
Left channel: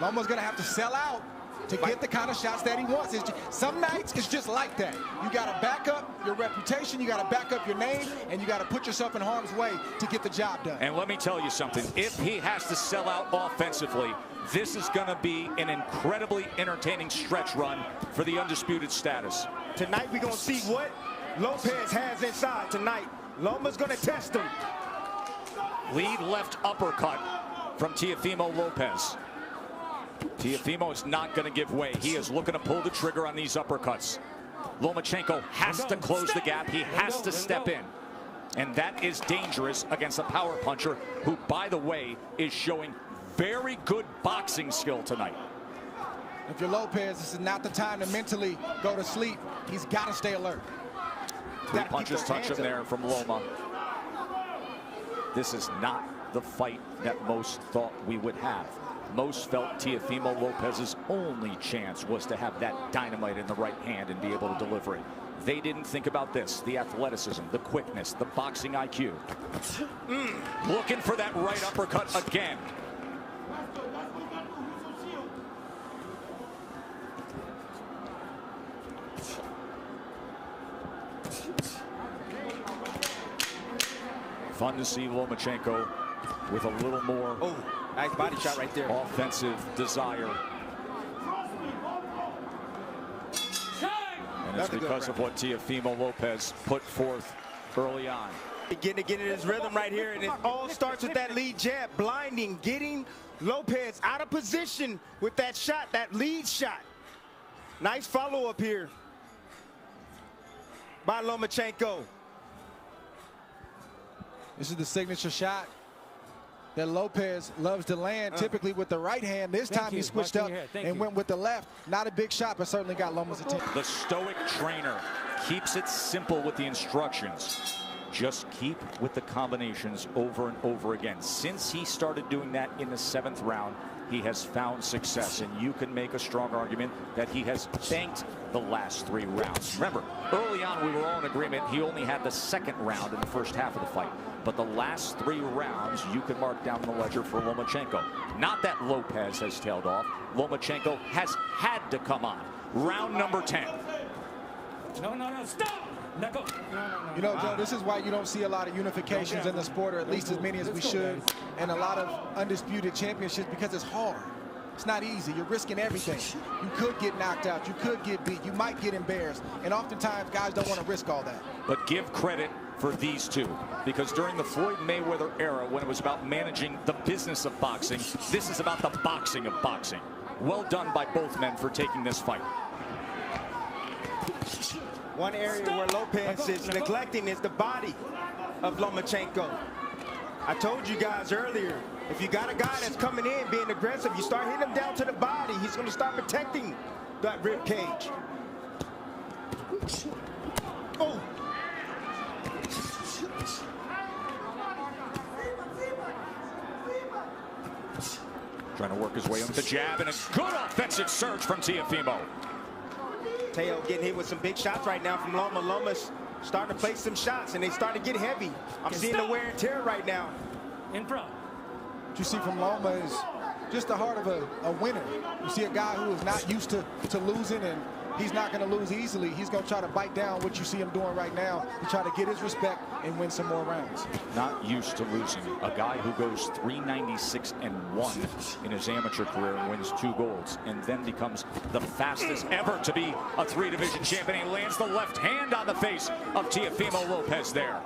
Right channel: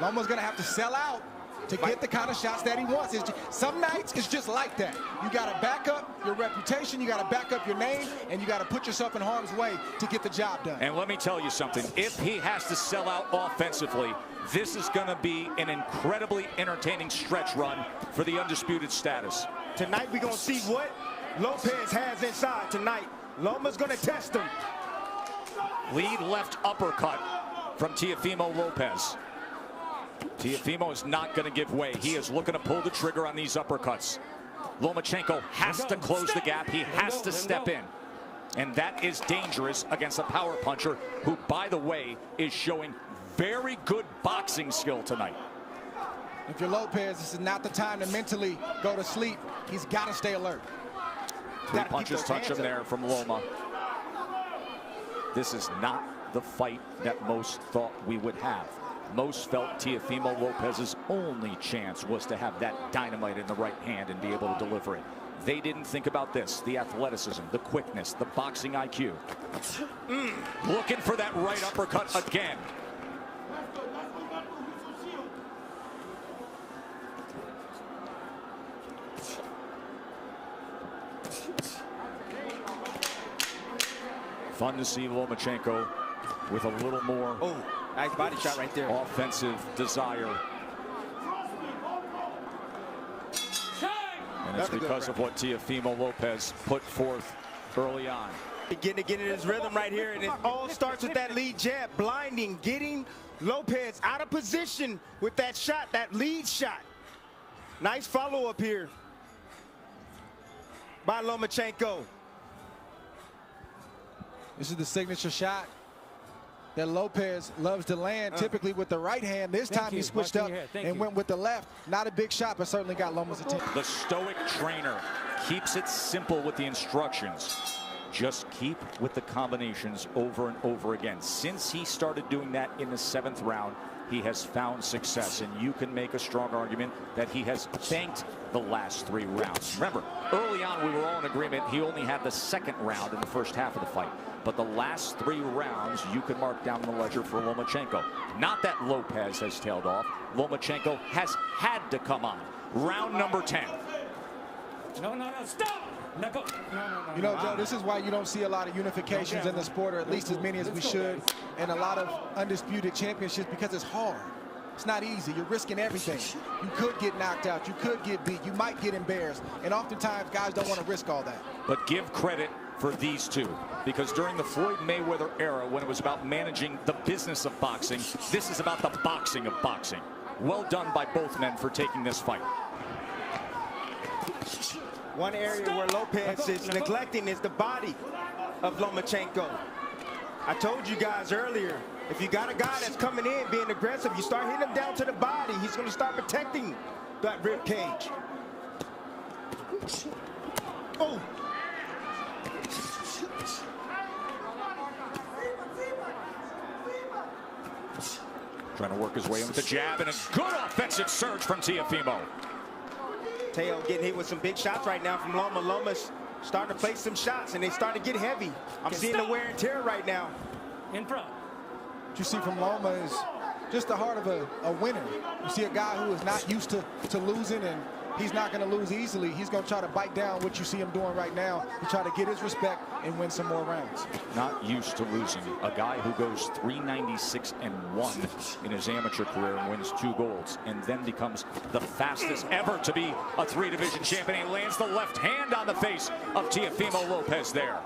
Loma's going to have to sell out to get the kind of shots that he wants. Some nights it's just like that. You got to back up your reputation, you got to back up your name, and you got to put yourself in harm's way to get the job done. And let me tell you something. If he has to sell out offensively, this is going to be an incredibly entertaining stretch run for the undisputed status. Tonight we're going to see what Lopez has inside tonight. Loma's going to test him. Lead left uppercut from Teofimo Lopez. Teofimo is not going to give way. He is looking to pull the trigger on these uppercuts. Lomachenko has to close the gap. He has to step in. And that is dangerous against a power puncher who, by the way, is showing very good boxing skill tonight. If you're Lopez, this is not the time to mentally go to sleep. He's got to stay alert. Three punches touch him there from Loma. This is not the fight that most thought we would have. Most felt Teofimo Lopez's only chance was to have that dynamite in the right hand and be able to deliver it. They didn't think about this, the athleticism, the quickness, the boxing IQ. Looking for that right uppercut again. Fun to see Lomachenko with a little more nice body shot right there. Offensive desire. And it's because of what Teofimo Lopez put forth early on. Getting in his rhythm right here, and it all starts with that lead jab, blinding, getting Lopez out of position with that shot, that lead shot. Nice follow-up here by Lomachenko. This is the signature shot that Lopez loves to land, typically with the right hand. This time he switched up and went with the left. Not a big shot, but certainly got Loma's attention. The stoic trainer keeps it simple with the instructions. Just keep with the combinations over and over again. Since he started doing that in the 7th round, he has found success, and you can make a strong argument that he has banked the last 3 rounds. Remember, early on we were all in agreement he only had the 2nd round in the first half of the fight. But the last 3 rounds you can mark down the ledger for Lomachenko. Not that Lopez has tailed off. Lomachenko has had to come on. Round number 10. No, stop! No. You know, Joe, this is why you don't see a lot of unifications in the sport, or at least as many as we should, and a lot of undisputed championships, because it's hard. It's not easy. You're risking everything. You could get knocked out. You could get beat. You might get embarrassed. And oftentimes, guys don't want to risk all that. But give credit for these two, because during the Floyd Mayweather era, when it was about managing the business of boxing, this is about the boxing of boxing. Well done by both men for taking this fight. One area where Lopez is neglecting is the body of Lomachenko. I told you guys earlier, if you got a guy that's coming in being aggressive, you start hitting him down to the body, he's going to start protecting that rib cage. Oh! Trying to work his way in with the jab, and a good offensive surge from Teofimo. Teo getting hit with some big shots right now from Loma. Loma's starting to place some shots, and they start to get heavy. I'm seeing the wear and tear right now. In front. What you see from Loma is just the heart of a winner. You see a guy who is not used to losing, and he's not going to lose easily. He's going to try to bite down what you see him doing right now to try to get his respect and win some more rounds. Not used to losing. A guy who goes 396-1 in his amateur career and wins 2 golds, and then becomes the fastest ever to be a 3-division champion. He lands the left hand on the face of Teofimo Lopez there.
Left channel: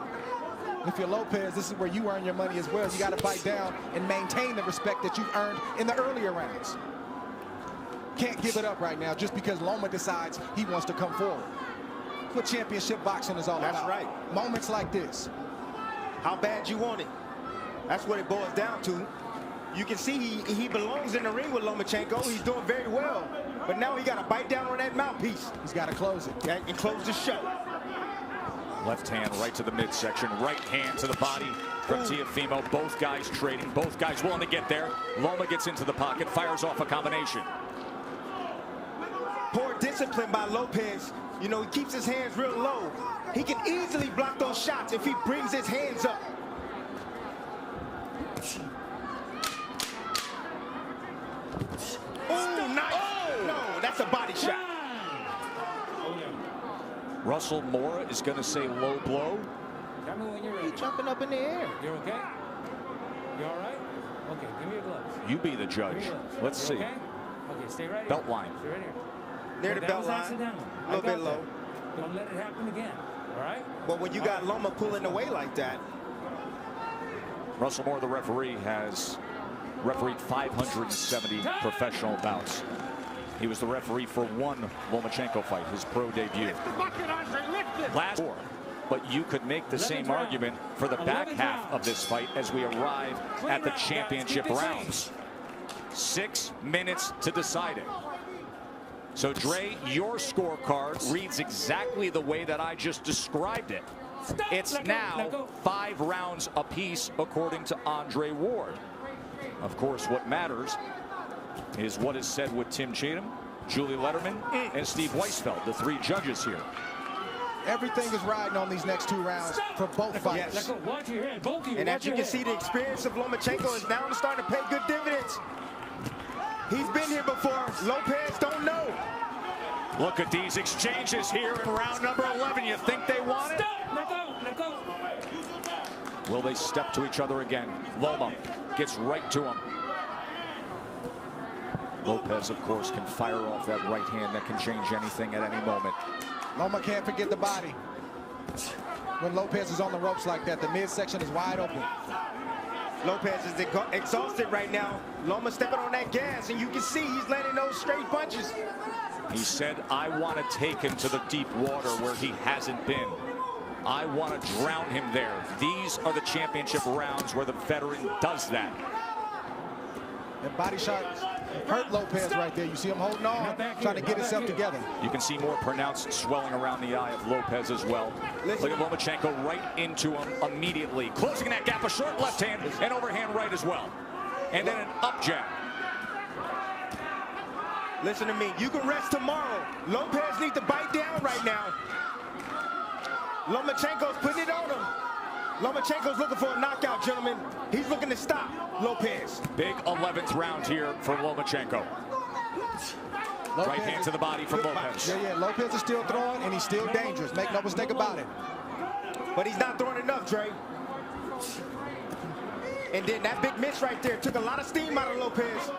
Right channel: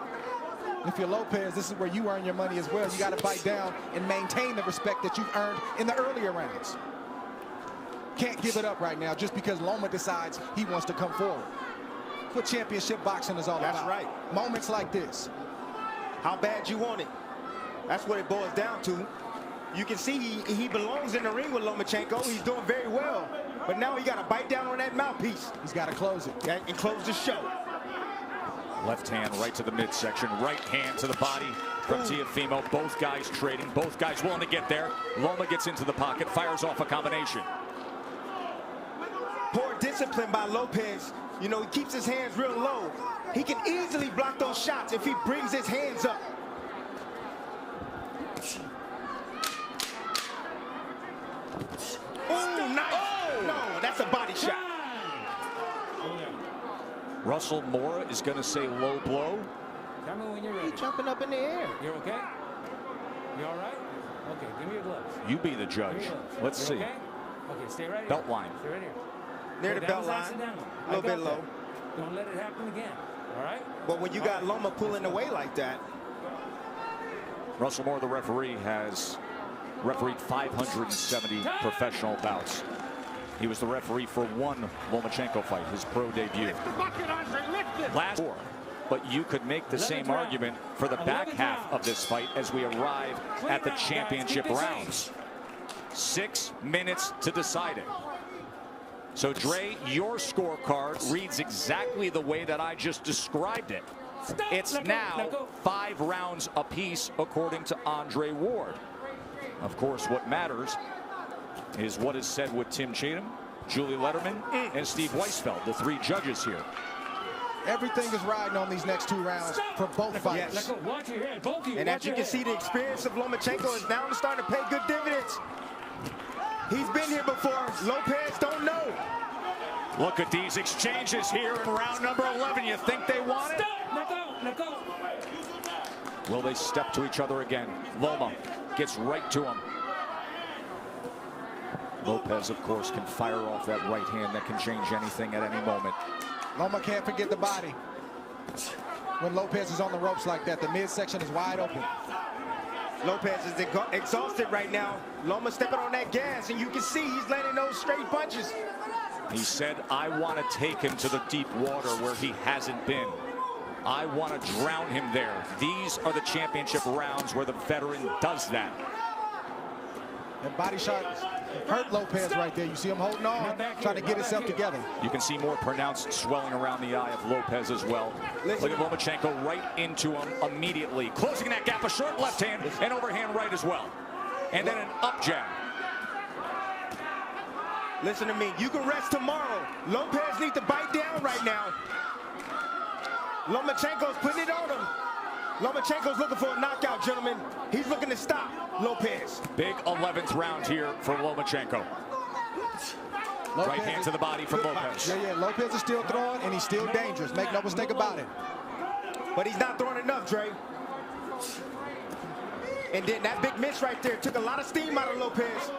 If you're Lopez, this is where you earn your money as well. You got to bite down and maintain the respect that you've earned in the earlier rounds. Can't give it up right now just because Loma decides he wants to come forward. That's what championship boxing is all about. That's right. Moments like this. How bad you want it. That's what it boils down to. You can see he belongs in the ring with Lomachenko. He's doing very well. But now he got to bite down on that mouthpiece. He's got to close it. Yeah, and close the show. Left hand right to the midsection. Right hand to the body from Teofimo. Both guys trading. Both guys willing to get there. Loma gets into the pocket. Fires off a combination. Poor discipline by Lopez. You know, he keeps his hands real low. He can easily block those shots if he brings his hands up. Oh, nice. No. that's a body shot. Over there. Russell Mora is going to say low blow. Tell me when you're ready. He's jumping up in the air. You're okay? You all right? Okay, give me your gloves. You be the judge. Give me your gloves. Let's You're see. Okay? Okay, stay right here. Belt line. Stay right here. Near Okay, the that belt was line. accidental. A little I got bit that. low. Don't let it happen again. All right? But when you got Loma pulling away like that. Russell Mora, the referee, has refereed 570 professional bouts. He was the referee for one Lomachenko fight, his pro debut. Last four. But you could make the same argument for the back half of this fight as we arrive at the championship rounds. 6 minutes to decide it. So, Dre, your scorecard reads exactly the way that I just described it. It's now 5 rounds apiece, according to Andre Ward. Of course, what matters is what is said with Tim Cheatham, Julie Letterman, and Steve Weisfeld, the 3 judges here. Everything is riding on these next 2 rounds for both fights. Yes. Watch your head, both of you. And as you can see, the experience of Lomachenko is now starting to pay good dividends. He's been here before. Lopez don't know. Look at these exchanges here in round number 11. You think they want it? Stop! Let go! Will they step to each other again? Loma gets right to him. Lopez, of course, can fire off that right hand that can change anything at any moment. Loma can't forget the body. When Lopez is on the ropes like that, the midsection is wide open. Lopez is exhausted right now. Loma stepping on that gas, and you can see he's landing those straight punches. He said, I want to take him to the deep water where he hasn't been. I want to drown him there. These are the championship rounds where the veteran does that. That body shot hurt Lopez right there. You see him holding on, trying to get himself together. You can see more pronounced swelling around the eye of Lopez as well. Look at Lomachenko right into him immediately. Closing that gap, a short left hand and overhand right as well. And then an up jab. Listen to me. You can rest tomorrow. Lopez needs to bite down right now. Lomachenko's putting it on him. Lomachenko's looking for a knockout, gentlemen. He's looking to stop Lopez. Big 11th round here for Lomachenko. Right hand to the body from Lopez. Yeah, Lopez is still throwing, and he's still dangerous. Make no mistake about it. But he's not throwing enough, Dre. And then that big miss right there took a lot of steam out of Lopez.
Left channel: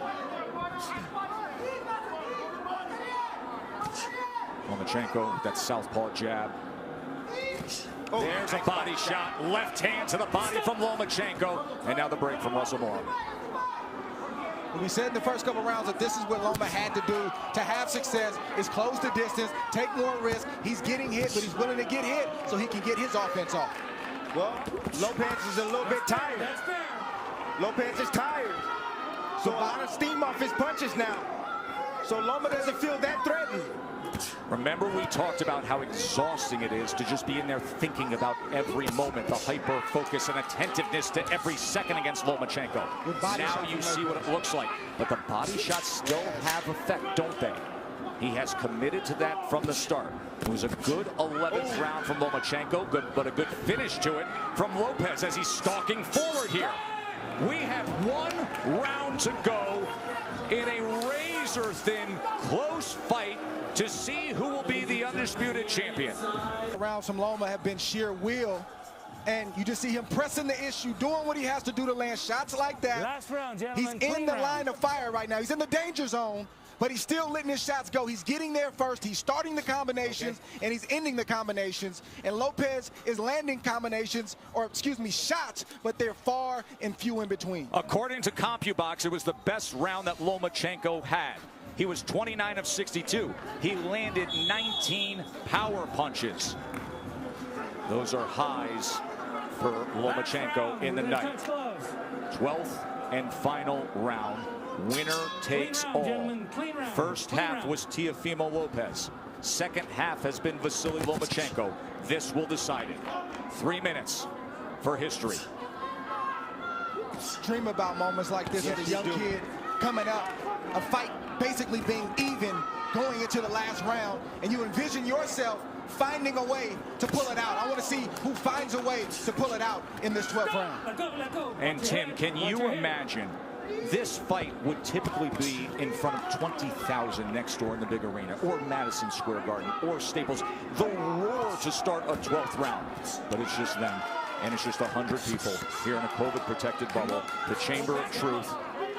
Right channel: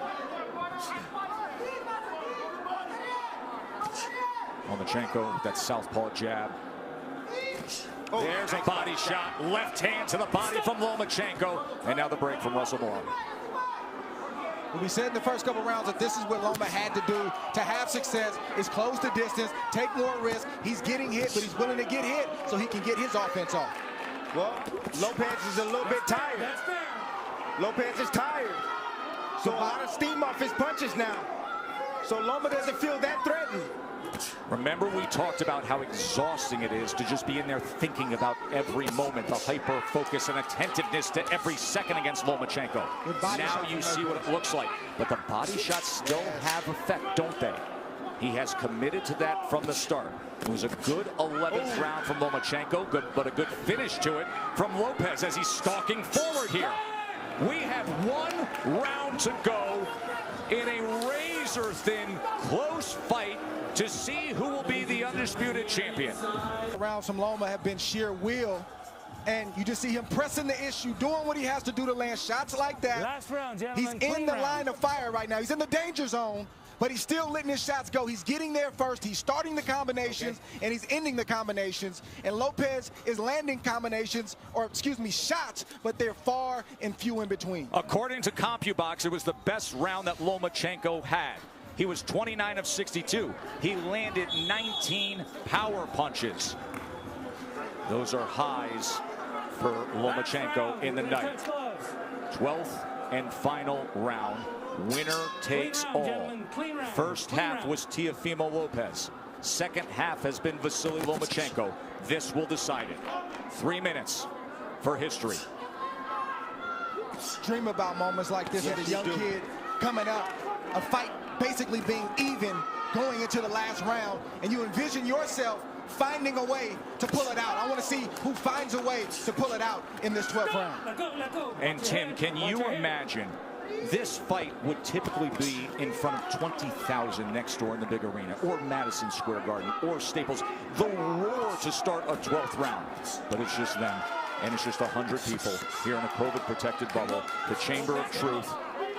Lomachenko with that southpaw jab. Oh, there's a body shot. Left hand to the body from Lomachenko. And now the break from Russell Mora. Well, we said in the first couple rounds that this is what Loma had to do to have success, is close the distance, take more risk. He's getting hit, but he's willing to get hit so he can get his offense off. Well, Lopez is a little bit tired. That's fair. Lopez is tired. So a lot of steam off his punches now. So Loma doesn't feel that threatened. Remember, we talked about how exhausting it is to just be in there thinking about every moment, the hyper focus and attentiveness to every second against Lomachenko. Now you see what it looks like. But the body shots still have effect, don't they? He has committed to that from the start. It was a good 11th round from Lomachenko, but a good finish to it from Lopez as he's stalking forward here. We have 1 round to go in a razor-thin, close fight to see who will be the undisputed champion. Rounds from Loma have been sheer will, and you just see him pressing the issue, doing what he has to do to land shots like that. Last round, He's gentlemen. in the line of fire right now. He's in the danger zone, but he's still letting his shots go. He's getting there first. He's starting the combinations, and he's ending the combinations. And Lopez is landing combinations, or excuse me, shots, but they're far and few in between. According to CompuBox, it was the best round that Lomachenko had. He was 29 of 62. He landed 19 power punches. Those are highs for Lomachenko in the night. 12th and final round. Winner takes all. First half was Teofimo Lopez. Second half has been Vasily Lomachenko. This will decide it. 3 minutes for history. Dream about moments like this as a young kid coming up, a fight basically being even going into the last round, and you envision yourself finding a way to pull it out. I want to see who finds a way to pull it out in this 12th round. Let go. And Tim, can you imagine This fight would typically be in front of 20,000 next door in the big arena, or Madison Square Garden, or Staples. The roar to start a 12th round. But it's just them, and it's just 100 people here in a COVID-protected bubble, the Chamber of Truth,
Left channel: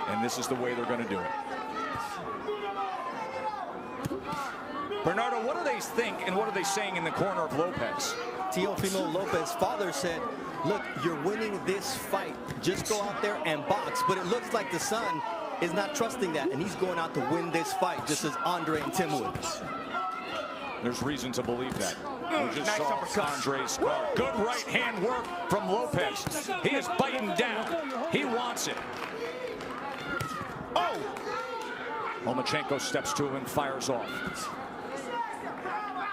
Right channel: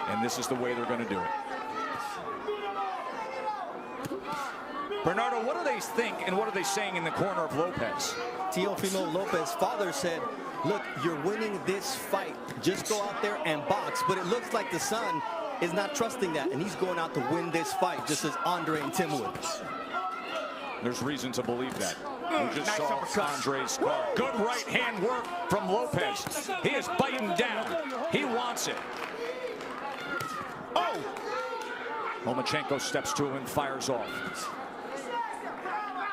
and this is the way they're going to do it. Bernardo, what do they think, and what are they saying in the corner of Lopez? Teofimo Lopez's father said, look, you're winning this fight. Just go out there and box. But it looks like the son is not trusting that, and he's going out to win this fight, just as Andre and Tim would. There's reason to believe that. We just nice saw uppercut. Andre's card. Good right hand work from Lopez. He is biting down. He wants it. Oh! Lomachenko steps to him and fires off.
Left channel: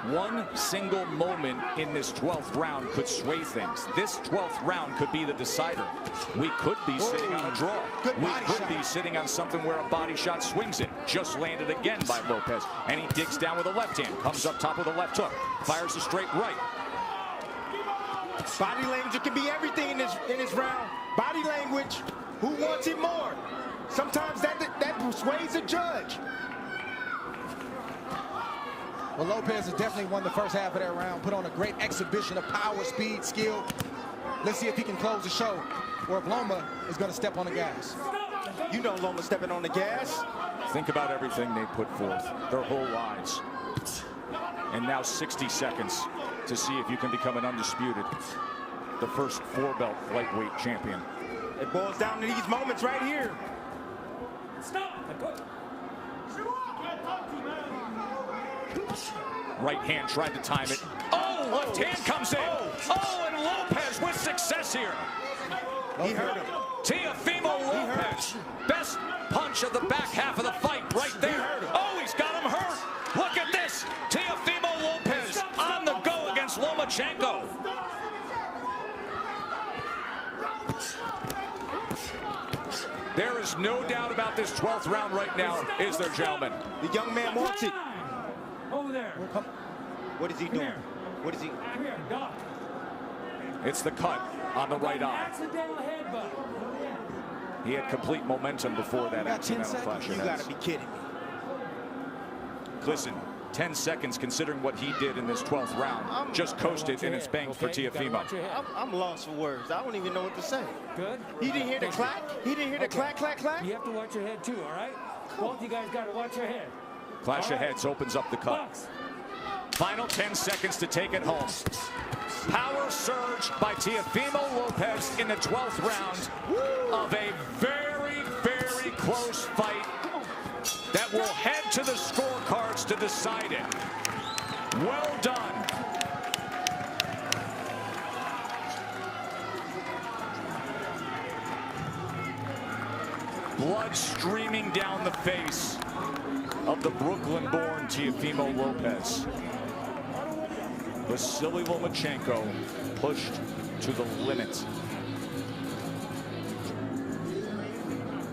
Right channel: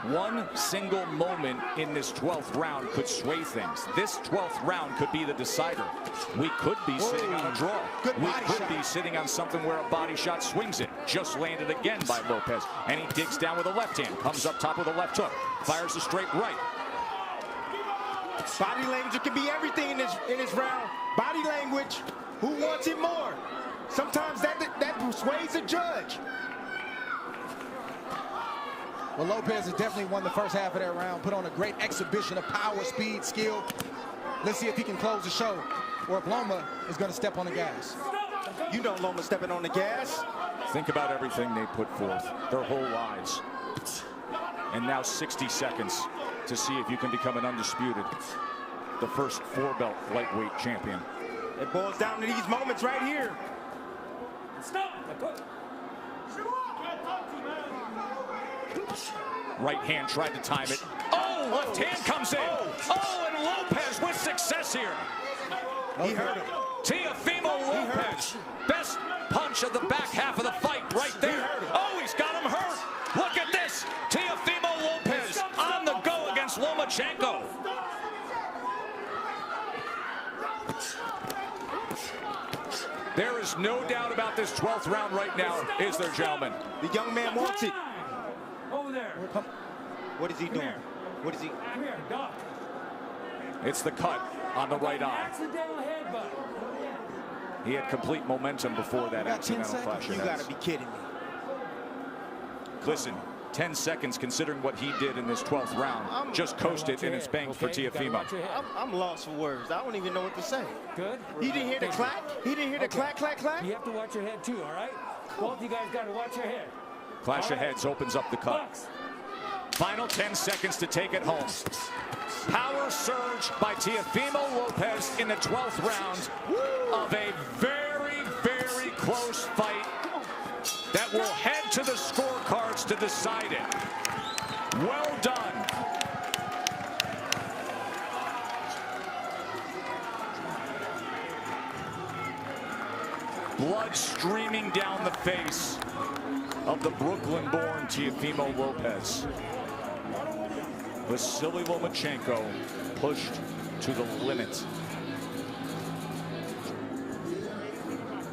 One single moment in this 12th round could sway things. This 12th round could be the decider. We could be sitting on a draw. We could be sitting on something where a body shot swings it. Just landed again by Lopez. And he digs down with a left hand. Comes up top with a left hook. Fires a straight right. Body language can be everything in this round. Body language. Who wants it more? Sometimes that persuades the judge. Well, Lopez has definitely won the first half of that round, put on a great exhibition of power, speed, skill. Let's see if he can close the show, or if Loma is going to step on the gas. You know Loma's stepping on the gas. Think about everything they put forth, their whole lives. And now 60 seconds to see if you can become an undisputed, the first 4-belt lightweight champion. It boils down to these moments right here. Stop. Now go. Right hand tried to time it. Oh, left hand comes in. Oh, and Lopez with success here. He hurt him. Teofimo Lopez. Best punch of the back half of the fight right there. Oh, he's got him hurt. Look at this. Teofimo Lopez on the go against Lomachenko. There is no doubt about this 12th round right now, is there, gentlemen? The young man wants it. Over there. What is he doing? What is he? Come here, duck. It's the cut on the right eye. Accidental headbutt. He had complete momentum before that accidental clash of You heads. got to be kidding me. Listen, 10 seconds considering what he did in this 12th round. Just coasted and it's banked for Teofimo. I'm lost for words. I don't even know what to say. Good. He didn't hear the clack? He didn't hear the clack, clack, clack? You have to watch your head too, all right? Both you guys got to watch your head. Clash of heads opens up the cut. Final 10 seconds to take it home. Power surge by Teofimo Lopez in the 12th round of a very, very close fight that will head to the scorecards to decide it. Well done. Blood streaming down the face of the Brooklyn-born Teofimo Lopez. Vasily Lomachenko pushed to the limit.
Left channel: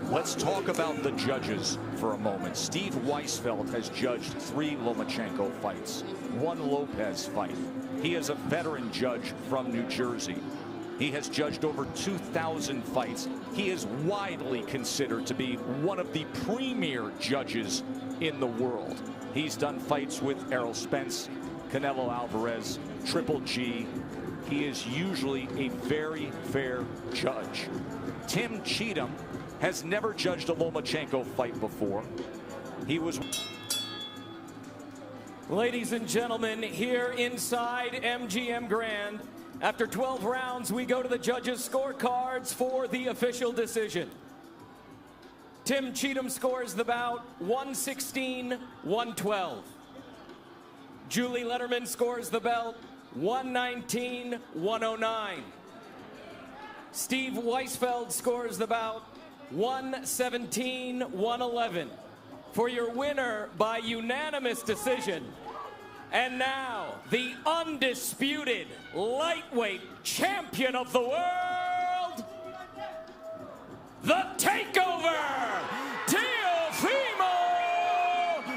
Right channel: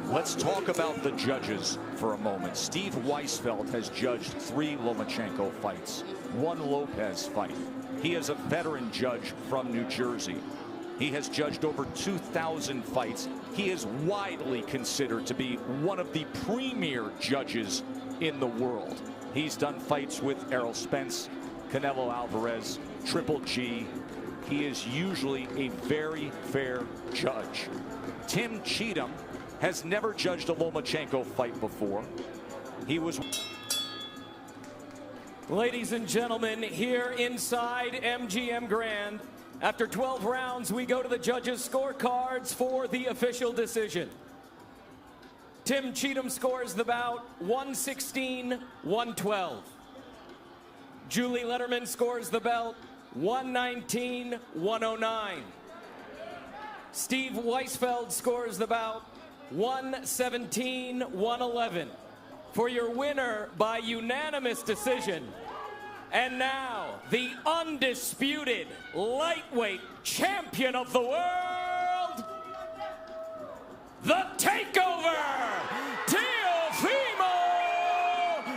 Let's talk about the judges for a moment. Steve Weisfeld has judged 3 Lomachenko fights, 1 Lopez fight. He is a veteran judge from New Jersey. He has judged over 2,000 fights. He is widely considered to be one of the premier judges in the world. He's done fights with Errol Spence, Canelo Alvarez, Triple G. He is usually a very fair judge. Tim Cheatham has never judged a Lomachenko fight before. He was... Ladies and gentlemen, here inside MGM Grand, after 12 rounds, we go to the judges' scorecards for the official decision. Tim Cheatham scores the bout 116-112. Julie Letterman scores the belt 119-109. Steve Weisfeld scores the bout 117-111. For your winner by unanimous decision. And now, the undisputed lightweight champion of the world, the Takeover, Teofimo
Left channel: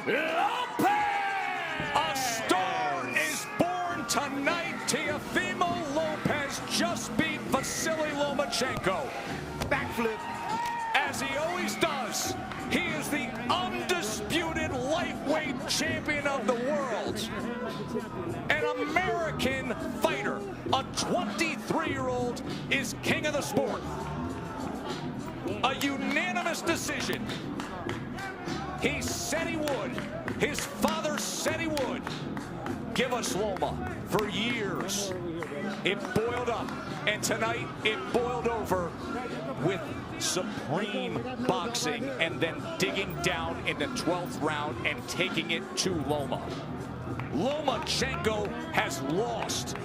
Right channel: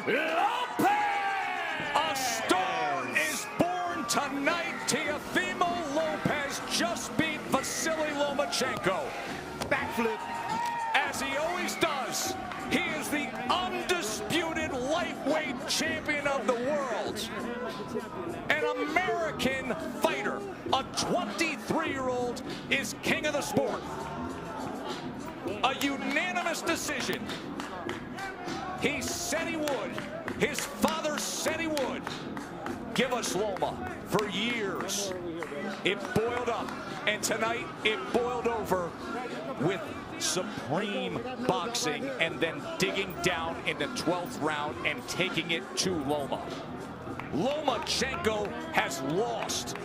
Lopez! A star is born tonight. Teofimo Lopez just beat Vasily Lomachenko. Backflip as as he always does. He is the undisputed lightweight champion of the world. An American fighter, a 23-year-old, is king of the sport. A unanimous decision. He said he would. His father said he would. Give us Loma. For years, it boiled up. And tonight, it boiled over with supreme boxing and then digging down in the 12th round and taking it to Loma. Lomachenko has lost